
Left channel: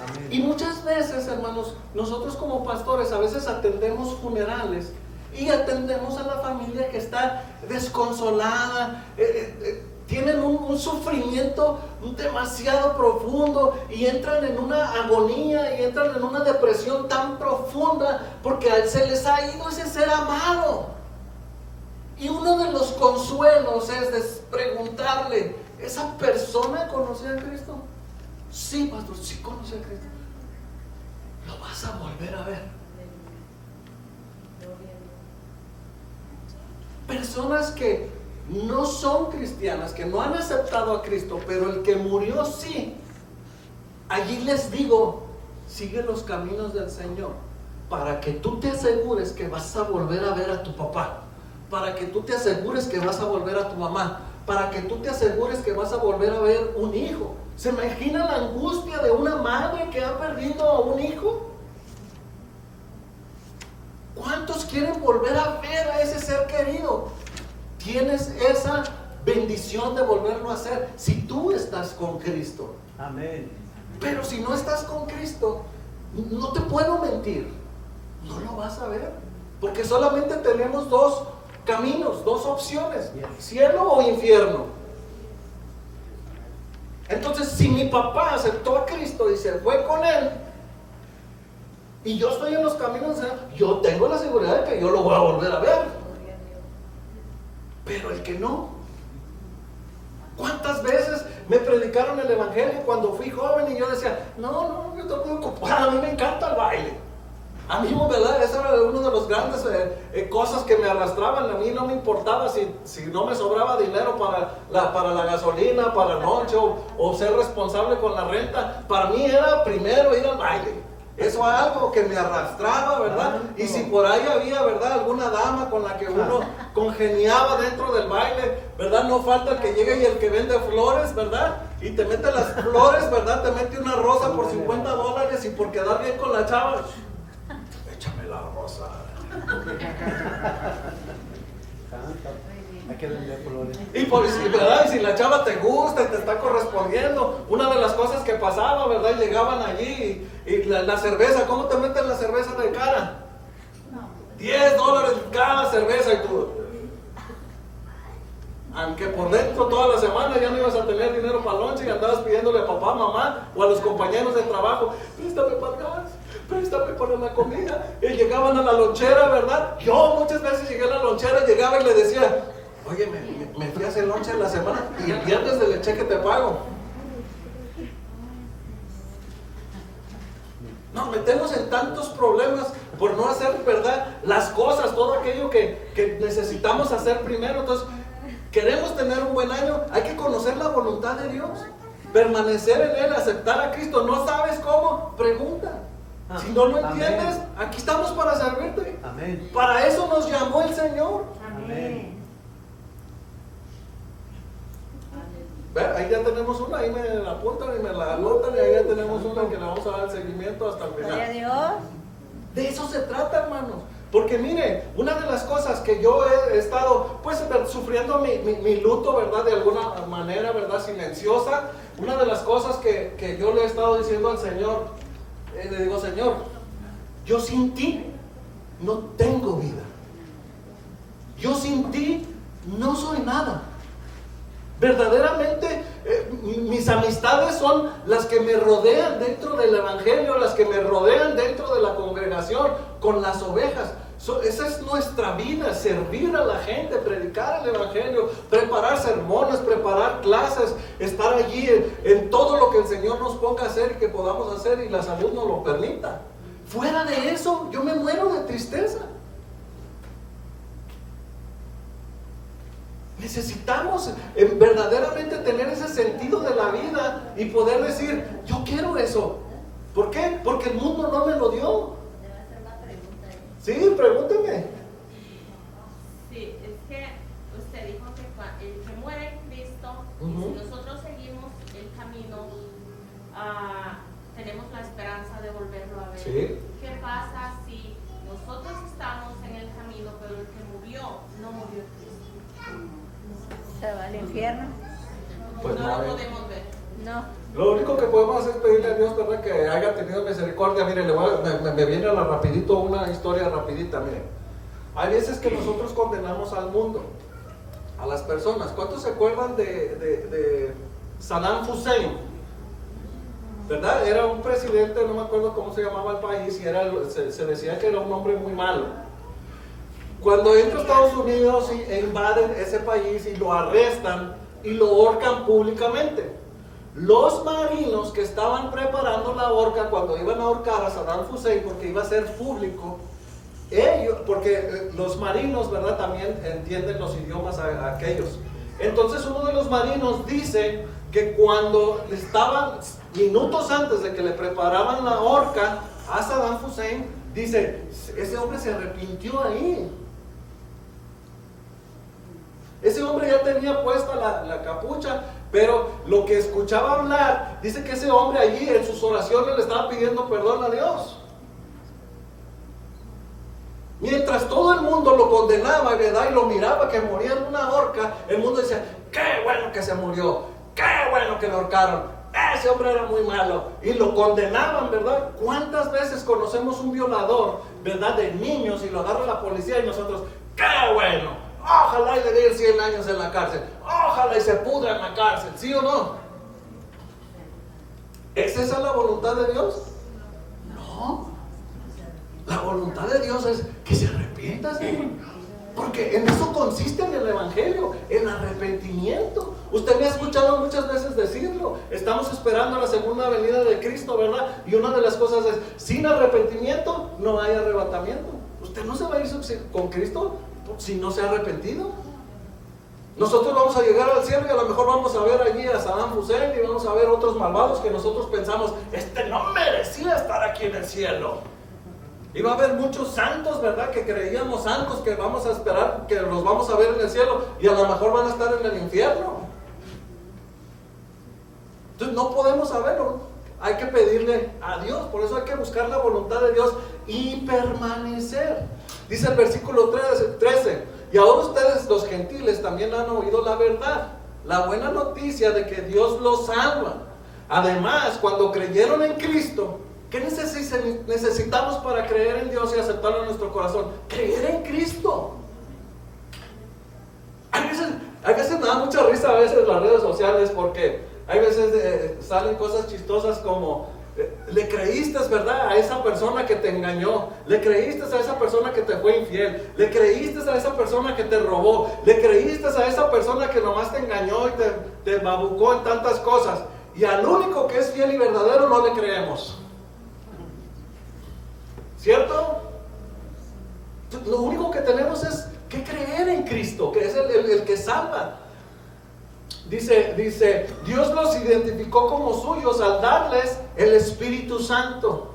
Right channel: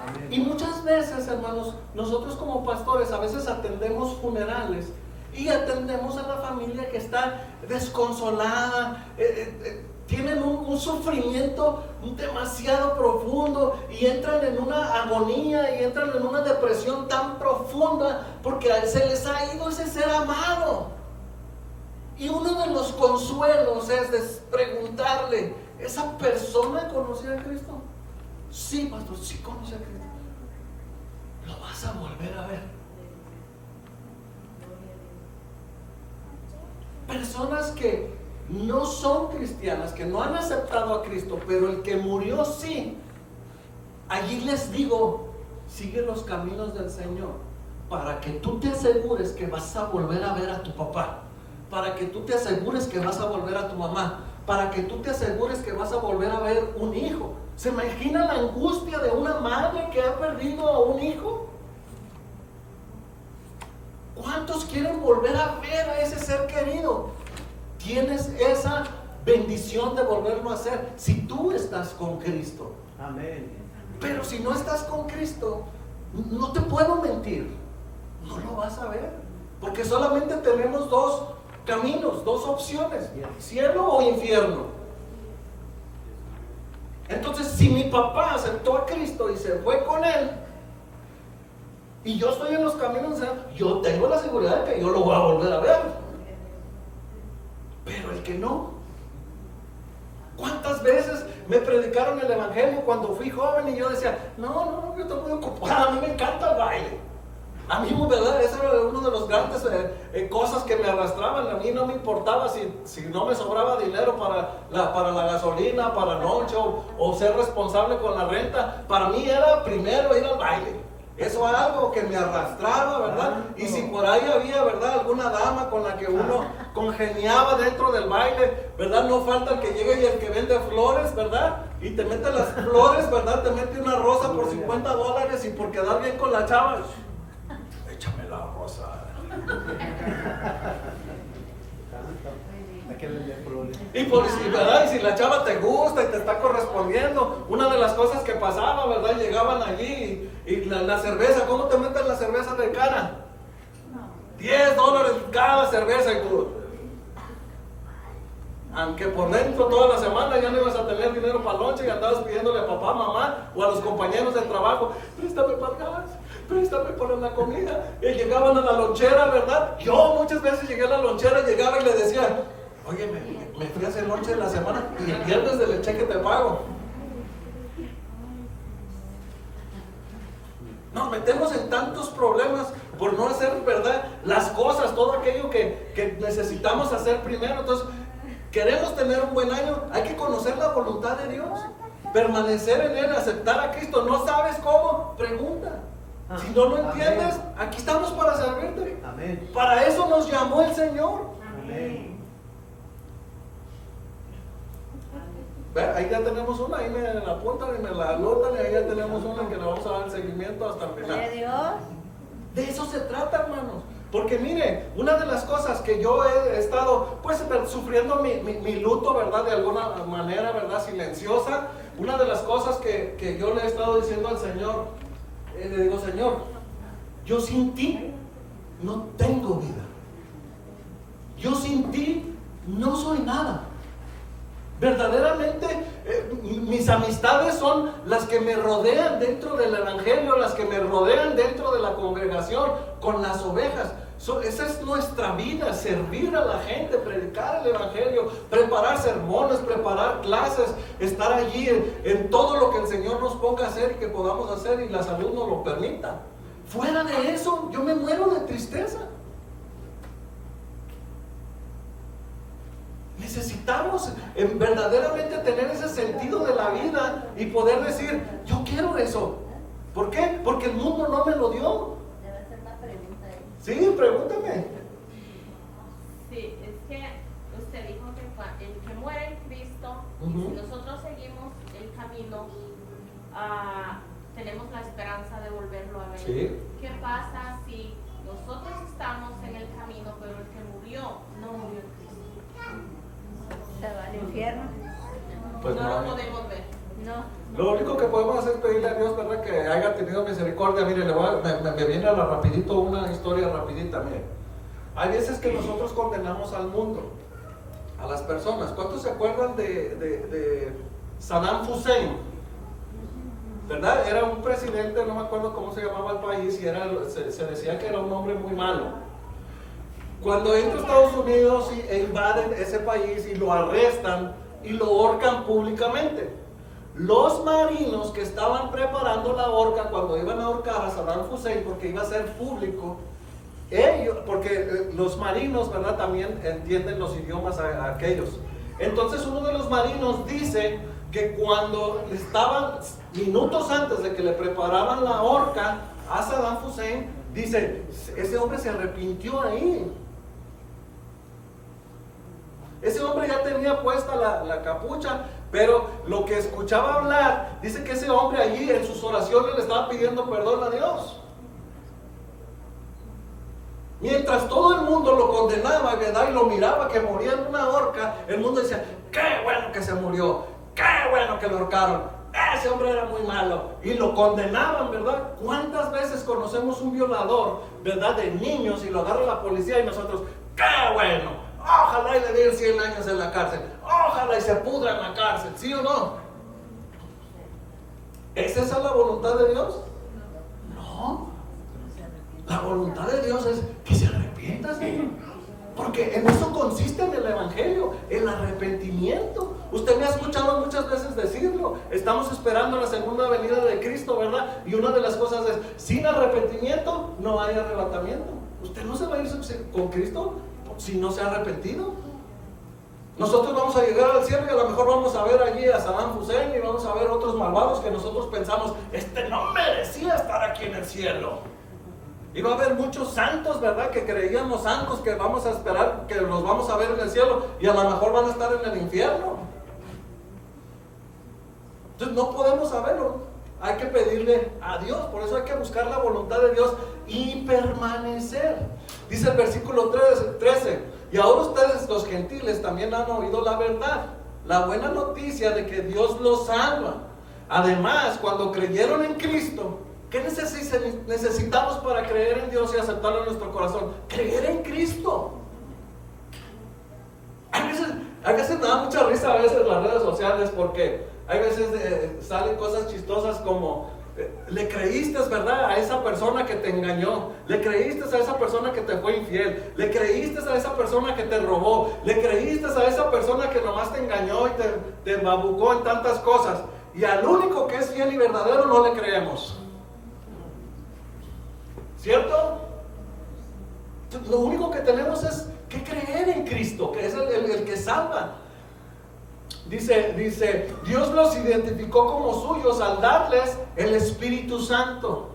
Amén. Y muchas veces, hermanos, nosotros como pastores a veces atendemos funerales y atendemos a la familia que está desconsolada, tienen un sufrimiento demasiado profundo y entran en una agonía y entran en una depresión tan profunda porque se les ha ido ese ser amado. Y uno de los consuelos es preguntarle: ¿esa persona conocía a Cristo? Sí, pastor, sí conocía a Cristo. Lo vas a volver a ver. Personas que no son cristianas, que no han aceptado a Cristo, pero el que murió sí. Allí les digo: sigue los caminos del Señor, para que tú te asegures que vas a volver a ver a tu papá, para que tú te asegures que vas a volver a tu mamá, para que tú te asegures que vas a volver a ver un hijo. ¿Se imagina la angustia de una madre que ha perdido a un hijo? ¿Cuántos quieren volver a ver a ese ser querido? Tienes esa bendición de volverlo a hacer si tú estás con Cristo. Amén. Pero si no estás con Cristo, no te puedo mentir, no lo vas a ver, porque solamente tenemos dos caminos, dos opciones: cielo o infierno. Entonces, si mi papá aceptó a Cristo y se fue con él, y yo estoy en los caminos, yo tengo la seguridad de que yo lo voy a volver a ver. Pero el que no, ¿cuántas veces me predicaron el evangelio cuando fui joven y yo decía: no, yo estoy muy ocupado, a mí me encanta el baile? A mí, ¿verdad? Ese era uno de los grandes cosas que me arrastraban. A mí no me importaba si no me sobraba dinero para la gasolina, para el lonche o ser responsable con la renta. Para mí era primero ir al baile. Eso es algo que me arrastraba, ¿verdad? Y si por ahí había, ¿verdad?, alguna dama con la que uno congeniaba dentro del baile, ¿verdad? No falta el que llegue y el que vende flores, ¿verdad? Y te mete las flores, ¿verdad? Te mete una rosa por $50 y por quedar bien con la chava: échame la rosa. Y ¿verdad? Y si la chava te gusta y te está correspondiendo, una de las cosas que pasaba, ¿verdad? Y llegaban allí y la cerveza, ¿cómo te meten la cerveza de cara? $10 cada cerveza, y tú, aunque por dentro toda la semana ya no ibas a tener dinero para lonche y andabas pidiéndole a papá, mamá o a los compañeros del trabajo: préstame para el gas, préstame para la comida. Y llegaban a la lonchera, ¿verdad? Yo muchas veces llegué a la lonchera y llegaba y le decía: oye, me fui a hacer lonche en la semana y el viernes del cheque te pago. Nos metemos en tantos problemas por no hacer, ¿verdad?, las cosas, todo aquello que necesitamos hacer primero. Entonces, queremos tener un buen año, hay que conocer la voluntad de Dios, permanecer en Él, aceptar a Cristo. ¿No sabes cómo? Pregunta. Si no lo entiendes, aquí estamos para servirte. Amén. Para eso nos llamó el Señor. Amén. Ahí ya tenemos una, ahí me la apuntan y me la anotan, y ahí ya tenemos una que le vamos a dar el seguimiento hasta el Gloria a final. Dios. De eso se trata, hermanos. Porque mire, una de las cosas que yo he estado pues sufriendo mi luto, ¿verdad? De alguna manera, ¿verdad? Silenciosa. Una de las cosas que yo le he estado diciendo al Señor, le digo, Señor, yo sin ti no tengo vida. Yo sin ti no soy nada. Verdaderamente mis amistades son las que me rodean dentro del evangelio, las que me rodean dentro de la congregación con las ovejas. Esa es nuestra vida, servir a la gente, predicar el evangelio, preparar sermones, preparar clases, estar allí en todo lo que el Señor nos ponga a hacer y que podamos hacer y la salud nos lo permita. Fuera de eso, yo me muero de tristeza. Necesitamos verdaderamente tener ese sentido de la vida y poder decir, yo quiero eso. ¿Por qué? Porque el mundo no me lo dio. Debe hacer una pregunta ahí. Sí, pregúnteme. Sí, es que usted dijo que el que muere en Cristo, Ujú. y si nosotros seguimos el camino, tenemos la esperanza de volverlo a ver. Sí. ¿Qué pasa si nosotros estamos en el camino, pero el que murió no murió en Cristo? Se va al infierno. Pues no no lo hay. podemos ver. No. Lo único que podemos hacer es pedirle a Dios, ¿verdad? Que haya tenido misericordia. Mire, me viene a la rapidito una historia rapidita, mire. Hay veces que nosotros condenamos al mundo, a las personas. ¿Cuántos se acuerdan de Saddam Hussein? ¿Verdad? Era un presidente, no me acuerdo cómo se llamaba el país, y se decía que era un hombre muy malo. Cuando entra a Estados Unidos e invaden ese país y lo arrestan y lo ahorcan públicamente. Los marinos que estaban preparando la horca cuando iban a ahorcar a Saddam Hussein, porque iba a ser público, porque los marinos, ¿verdad? También entienden los idiomas a aquellos. Entonces uno de los marinos dice que cuando estaban minutos antes de que le preparaban la horca a Saddam Hussein, dice, ese hombre se arrepintió ahí. Ese hombre ya tenía puesta la capucha, pero lo que escuchaba hablar, dice que ese hombre allí en sus oraciones le estaba pidiendo perdón a Dios. Mientras todo el mundo lo condenaba, ¿verdad? Y lo miraba que moría en una horca, el mundo decía, qué bueno que se murió, qué bueno que lo ahorcaron, ese hombre era muy malo. Y lo condenaban, ¿verdad? ¿Cuántas veces conocemos un violador, ¿verdad? De niños y lo agarra la policía y nosotros, qué bueno, ojalá y le den 100 años en la cárcel, ojalá y se pudra en la cárcel, ¿sí o no? ¿Es esa la voluntad de Dios? No. La voluntad de Dios es que se arrepienta, Señor. Porque en eso consiste en el evangelio, el arrepentimiento. Usted me ha escuchado muchas veces decirlo. Estamos esperando la segunda venida de Cristo, ¿verdad? Y una de las cosas es, sin arrepentimiento no hay arrebatamiento. Usted no se va a ir con Cristo si no se ha arrepentido. Nosotros vamos a llegar al cielo y a lo mejor vamos a ver allí a Saddam Hussein y vamos a ver otros malvados que nosotros pensamos, no merecía estar aquí en el cielo. Y va a haber muchos santos, ¿verdad? Que creíamos santos, que vamos a esperar, que los vamos a ver en el cielo y a lo mejor van a estar en el infierno. Entonces no podemos saberlo. Hay que pedirle a Dios, por eso hay que buscar la voluntad de Dios y permanecer. Dice el versículo 13, y ahora ustedes los gentiles también han oído la verdad, la buena noticia de que Dios los salva. Además, cuando creyeron en Cristo, ¿qué necesitamos para creer en Dios y aceptarlo en nuestro corazón? Creer en Cristo. A veces me da mucha risa a veces las redes sociales porque hay veces salen cosas chistosas como le creíste, ¿verdad? A esa persona que te engañó, le creíste a esa persona que te fue infiel, le creíste a esa persona que te robó, le creíste a esa persona que nomás te engañó y te babucó en tantas cosas, y al único que es fiel y verdadero no le creemos. ¿Cierto? Lo único que tenemos es que creer en Cristo, que es el que salva. Dice, Dios los identificó como suyos al darles el Espíritu Santo.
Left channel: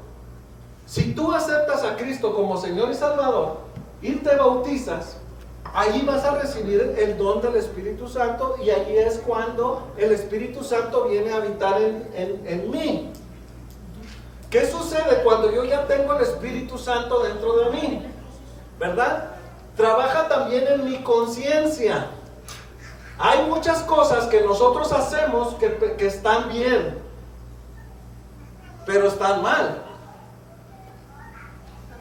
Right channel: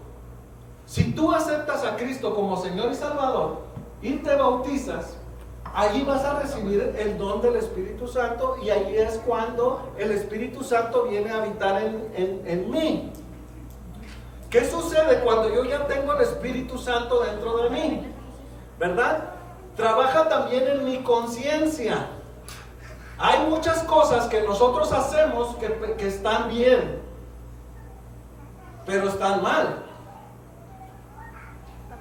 Si tú aceptas a Cristo como Señor y Salvador y te bautizas, ahí vas a recibir el don del Espíritu Santo, y ahí es cuando el Espíritu Santo viene a habitar en mí. ¿Qué sucede cuando yo ya tengo el Espíritu Santo dentro de mí? ¿verdad? Trabaja también en mi conciencia. Hay muchas cosas que nosotros hacemos que están bien, pero están mal.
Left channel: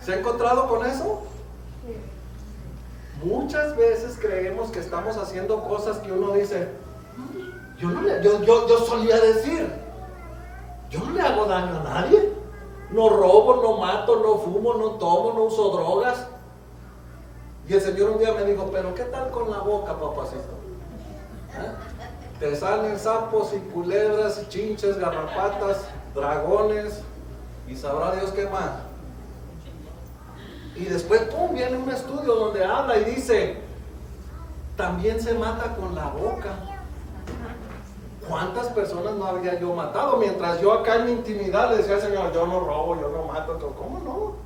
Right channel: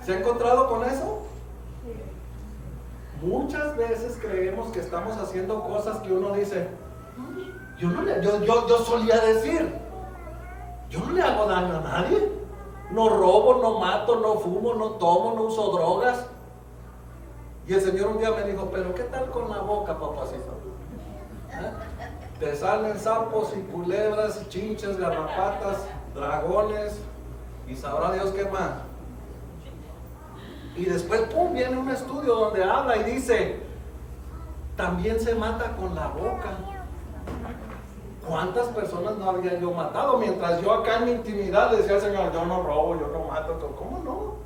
¿Se ha encontrado con eso? Muchas veces creemos que estamos haciendo cosas que uno dice, yo solía decir, yo no le hago daño a nadie. No robo, no mato, no fumo, no tomo, no uso drogas. Y el Señor un día me dijo, pero ¿qué tal con la boca, papacito? Te salen sapos y culebras, y chinches, garrapatas, dragones, y sabrá Dios qué más. Y después, pum, viene un estudio donde habla y dice, también se mata con la boca. ¿Cuántas personas no había yo matado? Mientras yo acá en mi intimidad le decía, Señor, yo no robo, yo no mato. ¿Cómo no?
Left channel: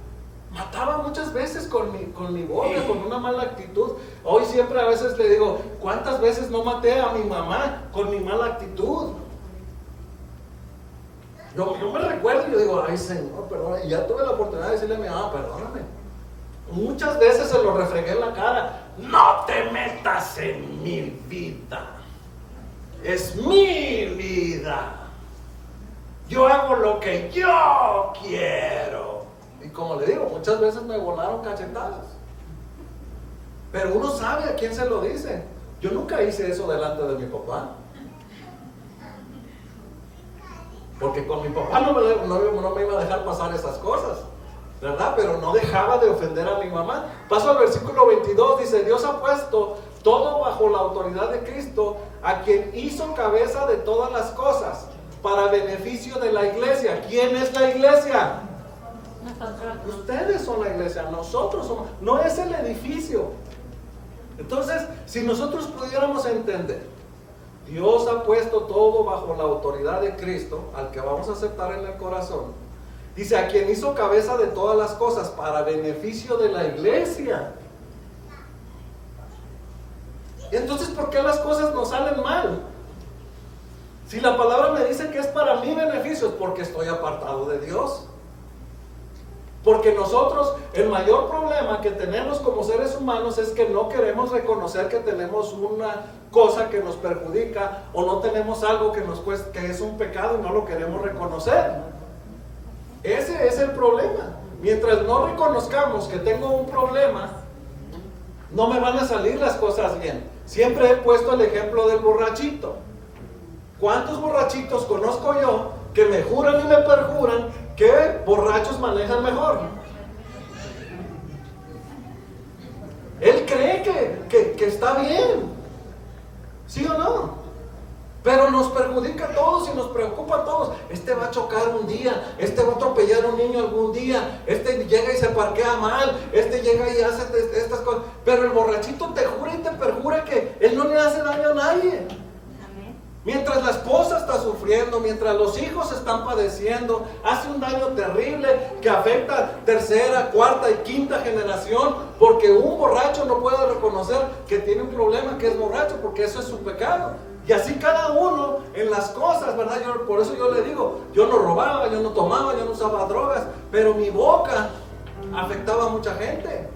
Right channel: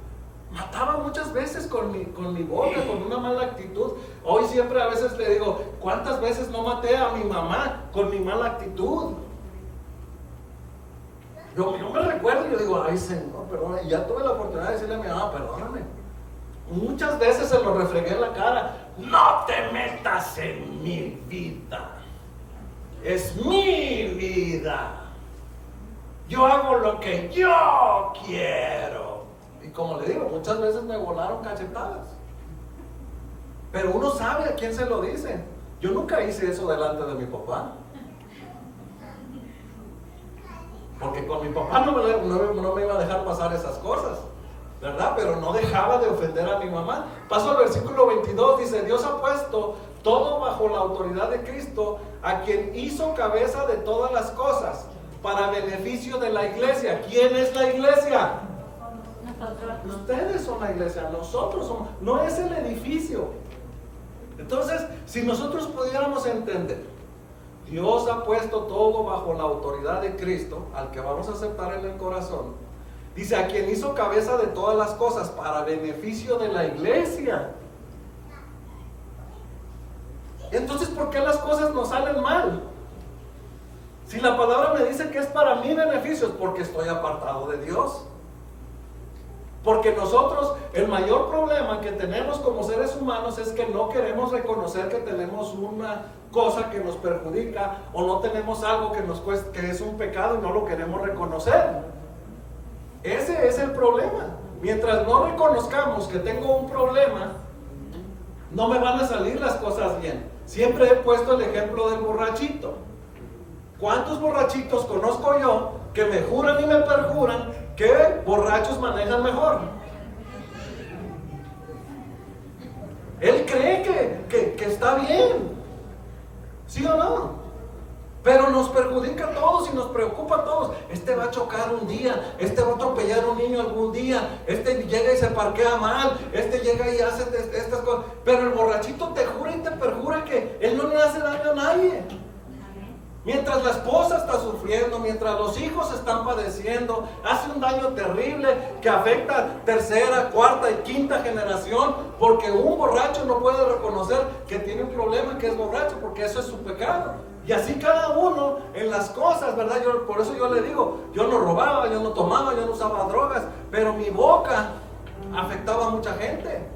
Mataba muchas veces con mi boca, con una mala actitud. Hoy siempre a veces le digo, ¿cuántas veces no maté a mi mamá con mi mala actitud? Yo me recuerdo y yo digo, ay Señor, perdón. Y ya tuve la oportunidad de decirle a mi mamá, perdóname. Muchas veces se lo refregué en la cara. No te metas en mi vida. Es mi vida. Yo hago lo que yo quiero. Y como le digo, muchas veces me volaron cachetadas. Pero uno sabe a quién se lo dice. Yo nunca hice eso delante de mi papá. Porque con mi papá no me iba a dejar pasar esas cosas, ¿verdad? Pero no dejaba de ofender a mi mamá. Paso al versículo 22, dice, Dios ha puesto todo bajo la autoridad de Cristo, a quien hizo cabeza de todas las cosas, para beneficio de la iglesia. ¿Quién es la iglesia? Ustedes son la iglesia, nosotros somos, no es el edificio. Entonces, si nosotros pudiéramos entender, Dios ha puesto todo bajo la autoridad de Cristo, al que vamos a aceptar en el corazón. Dice, a quien hizo cabeza de todas las cosas, para beneficio de la iglesia. Entonces, ¿por qué las cosas nos salen mal? Si la palabra me dice que es para mi beneficio, es porque estoy apartado de Dios. Porque nosotros, el mayor problema que tenemos como seres humanos es que no queremos reconocer que tenemos una cosa que nos perjudica, o no tenemos algo que nos cuesta, que es un pecado, y no lo queremos reconocer. Ese es el problema. Mientras no reconozcamos que tengo un problema, no me van a salir las cosas bien. Siempre he puesto el ejemplo del borrachito. ¿Cuántos borrachitos conozco yo que me juran y me perjuran que borrachos manejan mejor? Él cree que está bien, ¿sí o no? Pero nos perjudica a todos y nos preocupa a todos. Este va a chocar un día, este va a atropellar a un niño algún día, este llega y se parquea mal, este llega y hace estas cosas. Pero el borrachito te jura y te perjura que él no le hace daño a nadie. Mientras la esposa está sufriendo, mientras los hijos están padeciendo, hace un daño terrible que afecta tercera, cuarta y quinta generación, porque un borracho no puede reconocer que tiene un problema, que es borracho, porque eso es su pecado. Y así cada uno en las cosas, ¿verdad? Por eso yo le digo, yo no robaba, yo no tomaba, yo no usaba drogas, pero mi boca afectaba a mucha gente.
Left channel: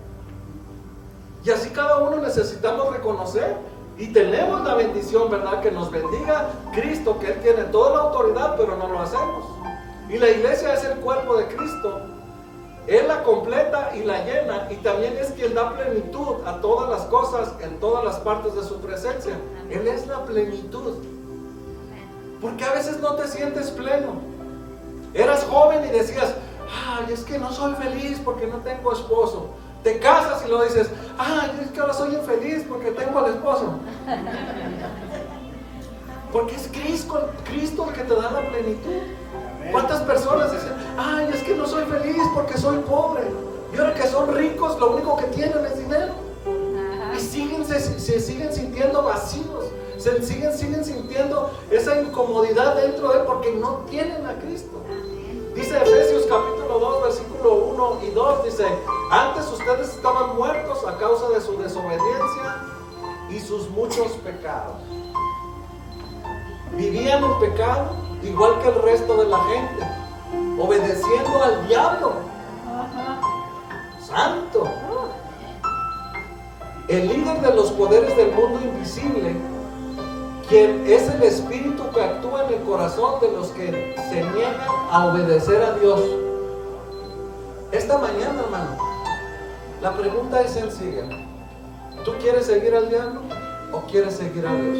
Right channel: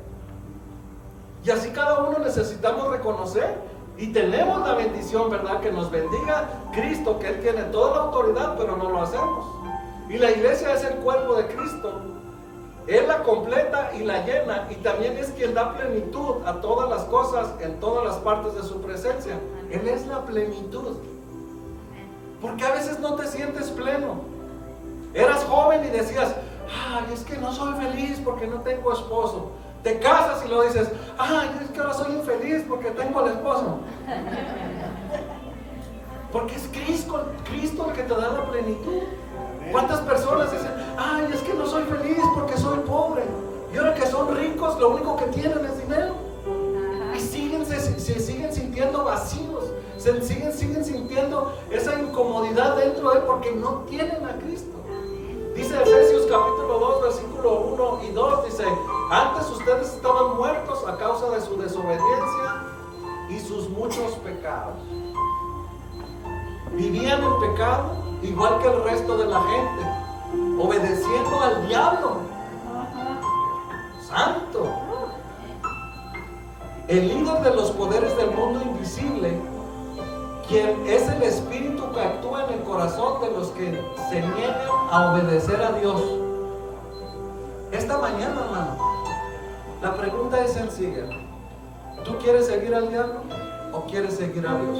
Y así cada uno necesitamos reconocer. Y tenemos la bendición, ¿verdad? Que nos bendiga Cristo, que Él tiene toda la autoridad, pero no lo hacemos. Y la iglesia es el cuerpo de Cristo. Él la completa y la llena, y también es quien da plenitud a todas las cosas en todas las partes de su presencia. Él es la plenitud. Porque a veces no te sientes pleno. Eras joven y decías, ay, es que no soy feliz porque no tengo esposo. Te casas y luego dices, ay, es que ahora soy infeliz porque tengo al esposo. Porque es Cristo el que te da la plenitud. ¿Cuántas personas dicen, ay, es que no soy feliz porque soy pobre? Y ahora que son ricos, lo único que tienen es dinero. Y se siguen sintiendo vacíos. Siguen sintiendo esa incomodidad dentro de él porque no tienen a Cristo. Dice Efesios capítulo 2, versículo 1 y 2, dice, antes ustedes estaban muertos a causa de su desobediencia y sus muchos pecados. Vivían en pecado igual que el resto de la gente, obedeciendo al diablo. Santo. el líder de los poderes del mundo invisible, quien es el espíritu que actúa en el corazón de los que se niegan a obedecer a Dios. Esta mañana, hermano, la pregunta es sencilla. ¿Tú quieres seguir al diablo o quieres seguir a Dios?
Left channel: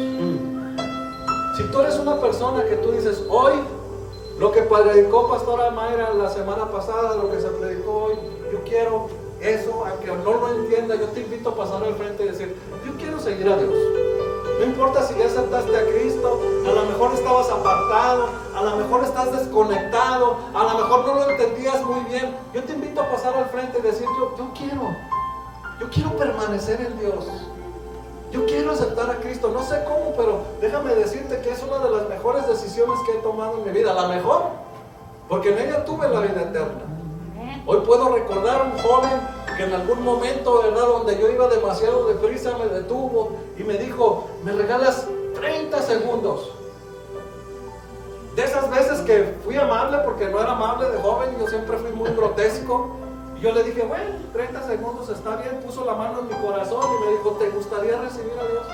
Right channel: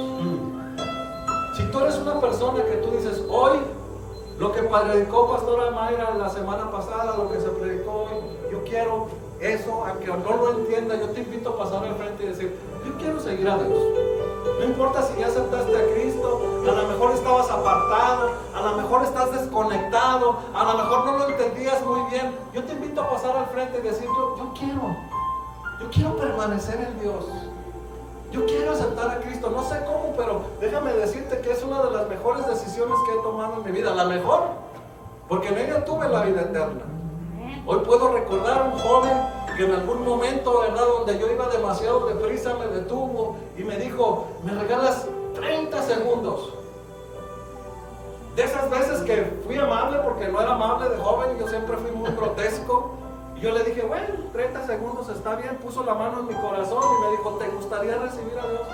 Si tú eres una persona que tú dices, hoy, lo que predicó Pastora Mayra la semana pasada, lo que se predicó hoy, yo quiero eso, aunque no lo entienda, yo te invito a pasar al frente y decir, yo quiero seguir a Dios. No importa si ya aceptaste a Cristo, a lo mejor estabas apartado, a lo mejor estás desconectado, a lo mejor no lo entendías muy bien. Yo te invito a pasar al frente y decir, yo quiero permanecer en Dios. Yo quiero aceptar a Cristo. No sé cómo, pero déjame decirte que es una de las mejores decisiones que he tomado en mi vida. La mejor, porque en ella tuve la vida eterna. Hoy puedo recordar a un joven que en algún momento, ¿verdad?, donde yo iba demasiado deprisa, me detuvo y me dijo, ¿me regalas 30 segundos? De esas veces que fui amable, porque no era amable de joven, yo siempre fui muy grotesco. Y yo le dije, bueno, 30 segundos está bien. Puso la mano en mi corazón y me dijo, ¿te gustaría recibir a Dios?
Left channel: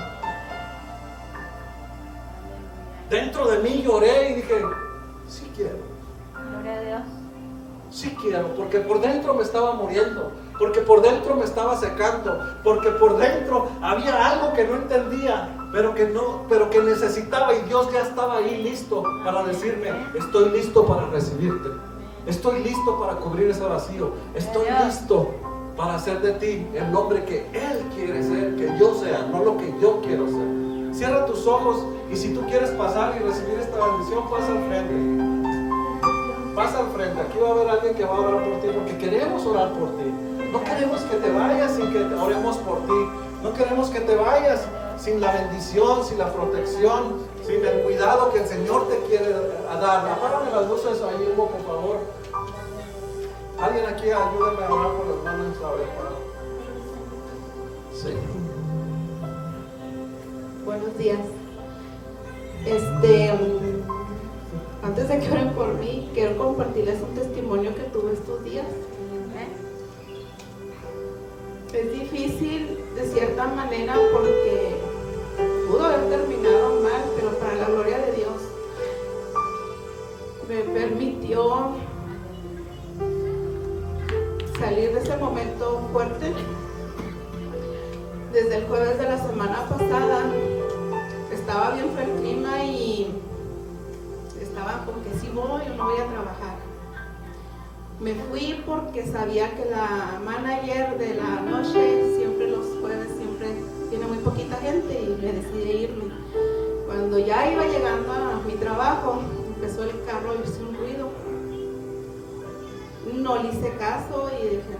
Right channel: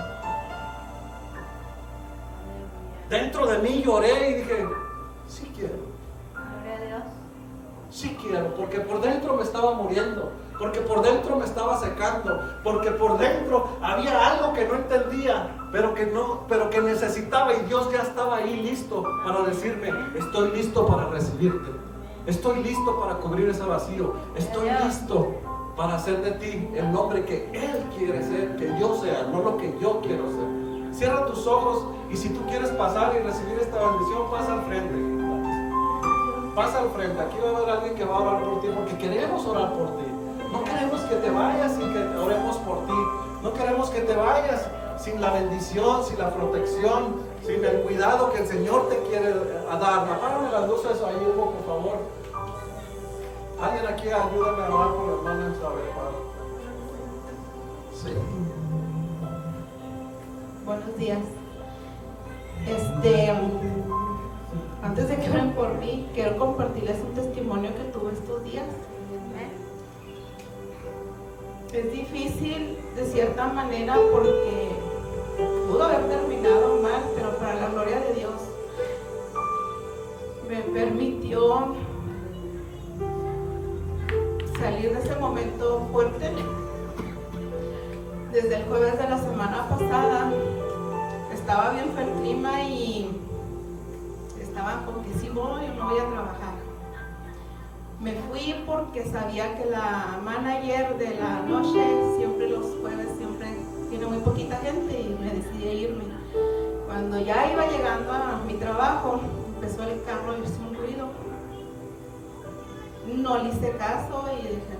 Dentro de mí lloré y dije, sí quiero. Gloria a Dios. Sí quiero, porque por dentro me estaba muriendo, porque por dentro me estaba secando, porque por dentro había algo que no entendía, pero que necesitaba, y Dios ya estaba ahí listo para decirme, estoy listo para recibirte, estoy listo para cubrir ese vacío, estoy listo para hacer de ti el hombre que Él quiere ser, que yo sea, no lo que yo quiero ser. Cierra tus ojos y si tú quieres pasar y recibir esta bendición, pasa al frente. Pasa al frente, aquí va a haber alguien que va a orar por ti, porque queremos orar por ti. No queremos que te vayas sin que oremos por ti. No queremos que te vayas sin la bendición, sin la protección, sin el cuidado que el Señor te quiere dar. Apágame las luces ahí, Hugo, por favor. Alguien aquí ayúdame a orar por las manos, ¿sabes? Sí. Buenos días. Antes de que oren por mí, quiero compartirles un testimonio que tuve estos días. Es difícil de cierta manera porque pudo haber terminado mal, pero para la gloria de Dios me permitió salir de ese momento fuerte. Desde el jueves de la semana pasada estaba bien fue el clima y estaba como que sí voy o no voy a trabajar. Me fui porque sabía que la manager de la noche, siempre los jueves, siempre tiene muy poquita gente y me decidí irme. Cuando ya iba llegando a mi trabajo, empezó el carro a irse un ruido. No le hice caso y dije,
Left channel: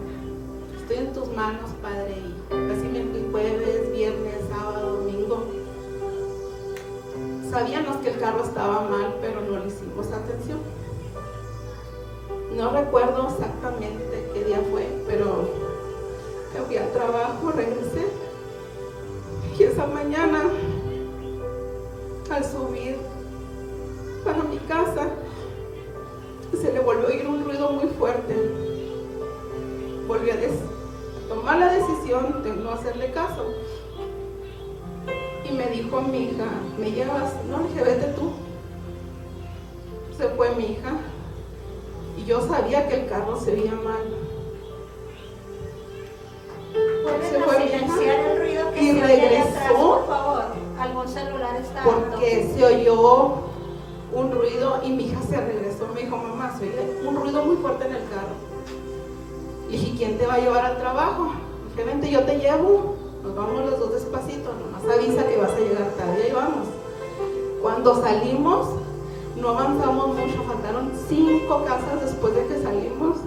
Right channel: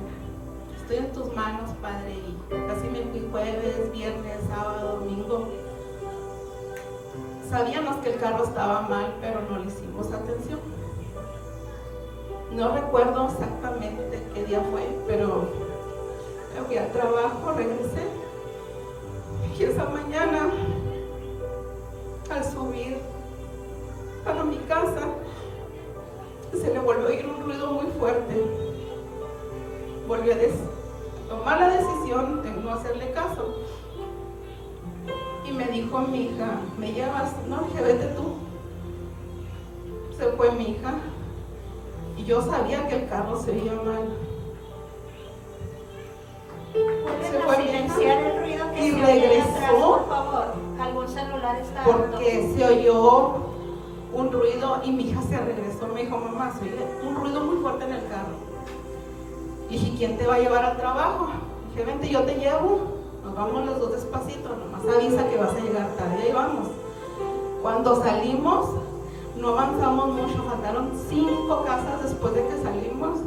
estoy en tus manos, Padre. Y así me fui jueves, viernes, sábado, domingo. Sabíamos que el carro estaba mal, pero no le hicimos atención. No recuerdo exactamente qué día fue, pero me fui al trabajo, regresé. Y esa mañana, al subir para mi casa, se le volvió a oír un ruido muy fuerte. Volví a tomar la decisión de no hacerle caso. Y me dijo a mi hija, ¿me llevas? No, dije, vete tú. Se fue mi hija. Y yo sabía que el carro se veía mal. Se fue mi Silenciar hija el ruido que y se oye atrás, regresó por favor. Algún celular está porque se oyó un ruido y mi hija se regresó. Me dijo, mamá, se oye un ruido muy fuerte en el carro. Le dije, ¿quién te va a llevar al trabajo? Dije, vente, yo te llevo. Nos vamos los dos despacito, nomás avisa que vas a llegar tarde. Ahí vamos. Cuando salimos, no avanzamos mucho, faltaron 5 casas después de que salimos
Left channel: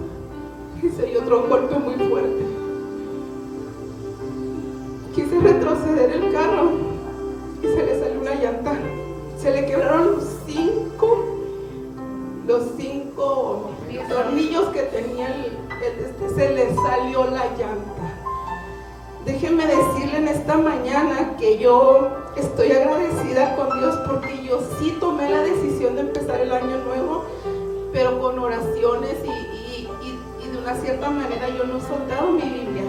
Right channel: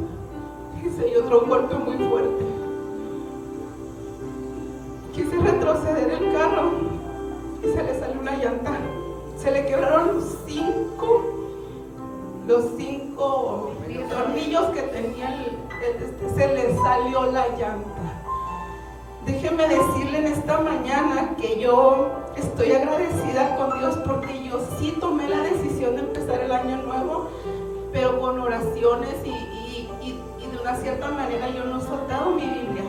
y se dio otro golpe muy fuerte. Quise retroceder el carro y se le salió una llanta. Se le quebraron los 5 tornillos que tenía se le salió la llanta. Déjenme decirle en esta mañana que yo estoy agradecida con Dios porque yo sí tomé la decisión de empezar el año nuevo, pero con oraciones y de una cierta manera yo no he soltado mi Biblia.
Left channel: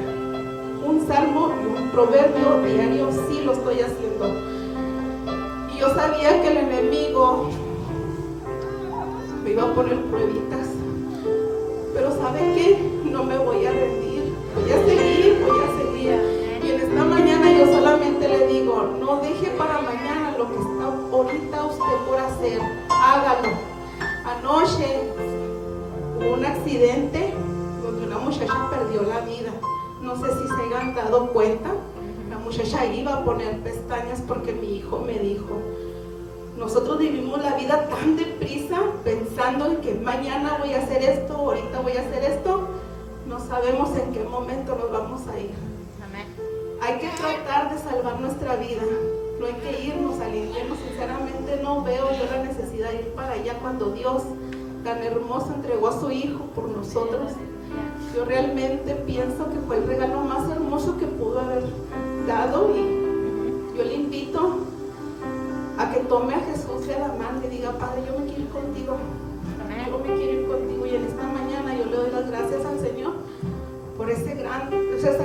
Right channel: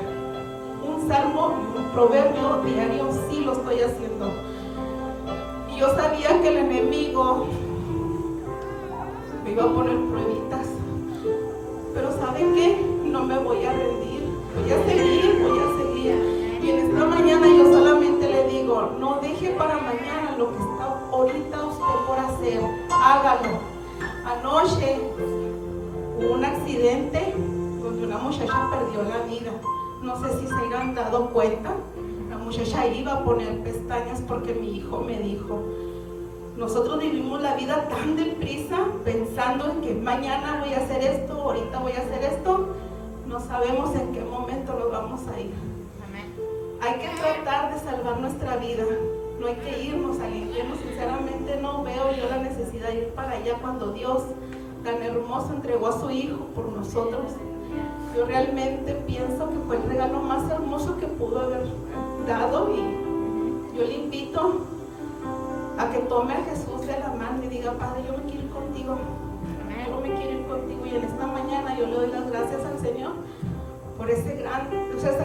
un salmo y un proverbio diario, sí lo estoy haciendo. Y yo sabía que el enemigo me iba a poner pruebitas, pero ¿saben qué? No me voy a rendir, voy a seguir, voy a seguir. Y en esta mañana yo solamente le digo, no deje para mañana lo que está ahorita usted por hacer, hágalo. Anoche hubo un accidente donde una muchacha perdió la vida. No sé si se hayan dado cuenta. La muchacha iba a poner pestañas porque mi hijo me dijo, nosotros vivimos la vida tan deprisa pensando en que mañana voy a hacer esto, ahorita voy a hacer esto. No sabemos en qué momento nos vamos a ir. Hay que tratar de salvar nuestra vida. No hay que irnos al infierno. Sinceramente no veo yo la necesidad de ir para allá cuando Dios tan hermoso entregó a su hijo por nosotros. Yo realmente pienso que fue el regalo más hermoso que pudo haber dado, y yo le invito a que tome a Jesús de la mano y diga, Padre, yo me quiero ir contigo, yo me quiero ir contigo. Y en esta mañana yo le doy las gracias al Señor por esa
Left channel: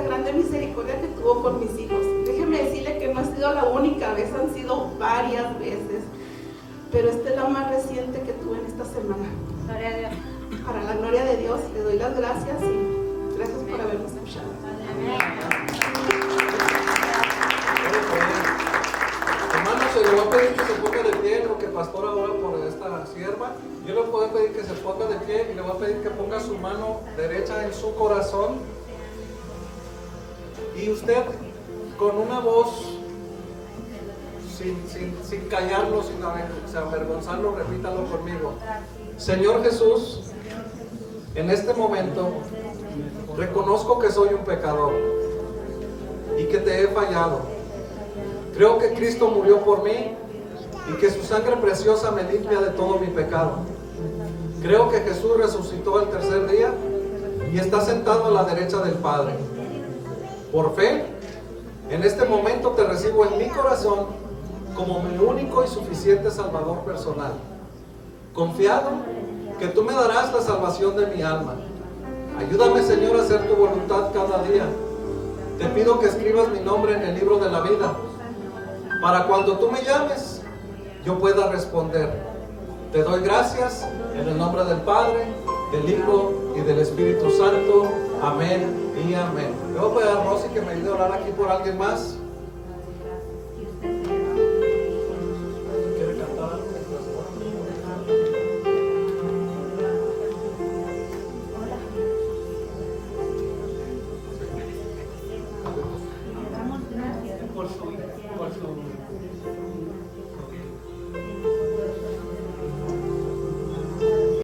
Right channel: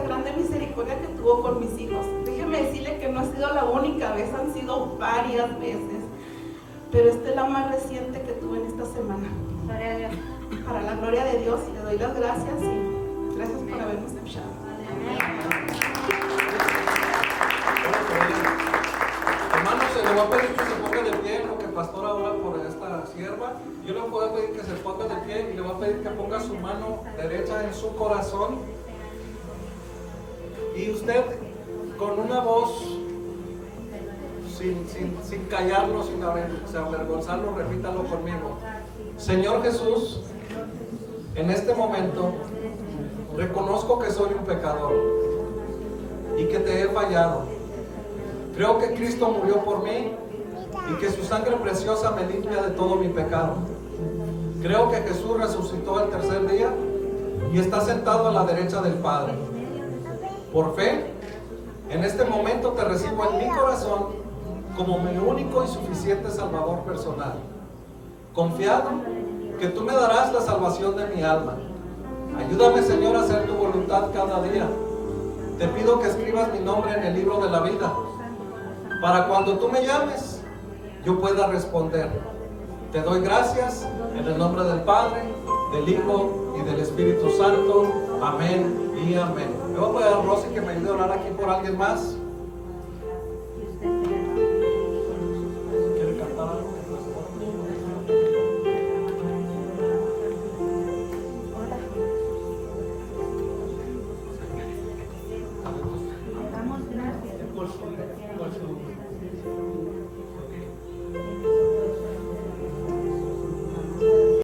grande misericordia que tuvo con mis hijos. Déjeme decirle que no ha sido la única vez, han sido varias veces, pero esta es la más reciente que tuve en esta semana. Gloria a Dios. Para la gloria de Dios, le doy las gracias y gracias por haberme escuchado. Hermanos, se le va a pedir que se ponga de pie, lo que el pastor ahora por esta sierva. Yo le voy a pedir que se ponga de pie y le voy a pedir que ponga su mano derecha en su corazón. Y usted, con una voz, sin callarlo, sin avergonzarlo, repítalo conmigo. Señor Jesús, en este momento reconozco que soy un pecador y que te he fallado. Creo que Cristo murió por mí y que su sangre preciosa me limpia de todo mi pecado. Creo que Jesús resucitó el tercer día y está sentado a la derecha del Padre. Por fe, en este momento te recibo en mi corazón como mi único y suficiente Salvador personal. Confiado que tú me darás la salvación de mi alma. Ayúdame, Señor, a hacer tu voluntad cada día. Te pido que escribas mi nombre en el libro de la vida, para cuando tú me llames, yo pueda responder. Te doy gracias en el nombre del Padre, del Hijo y del Espíritu Santo. Amén y amén. Le voy a pedir a Rosy que me ayude a orar aquí por alguien más.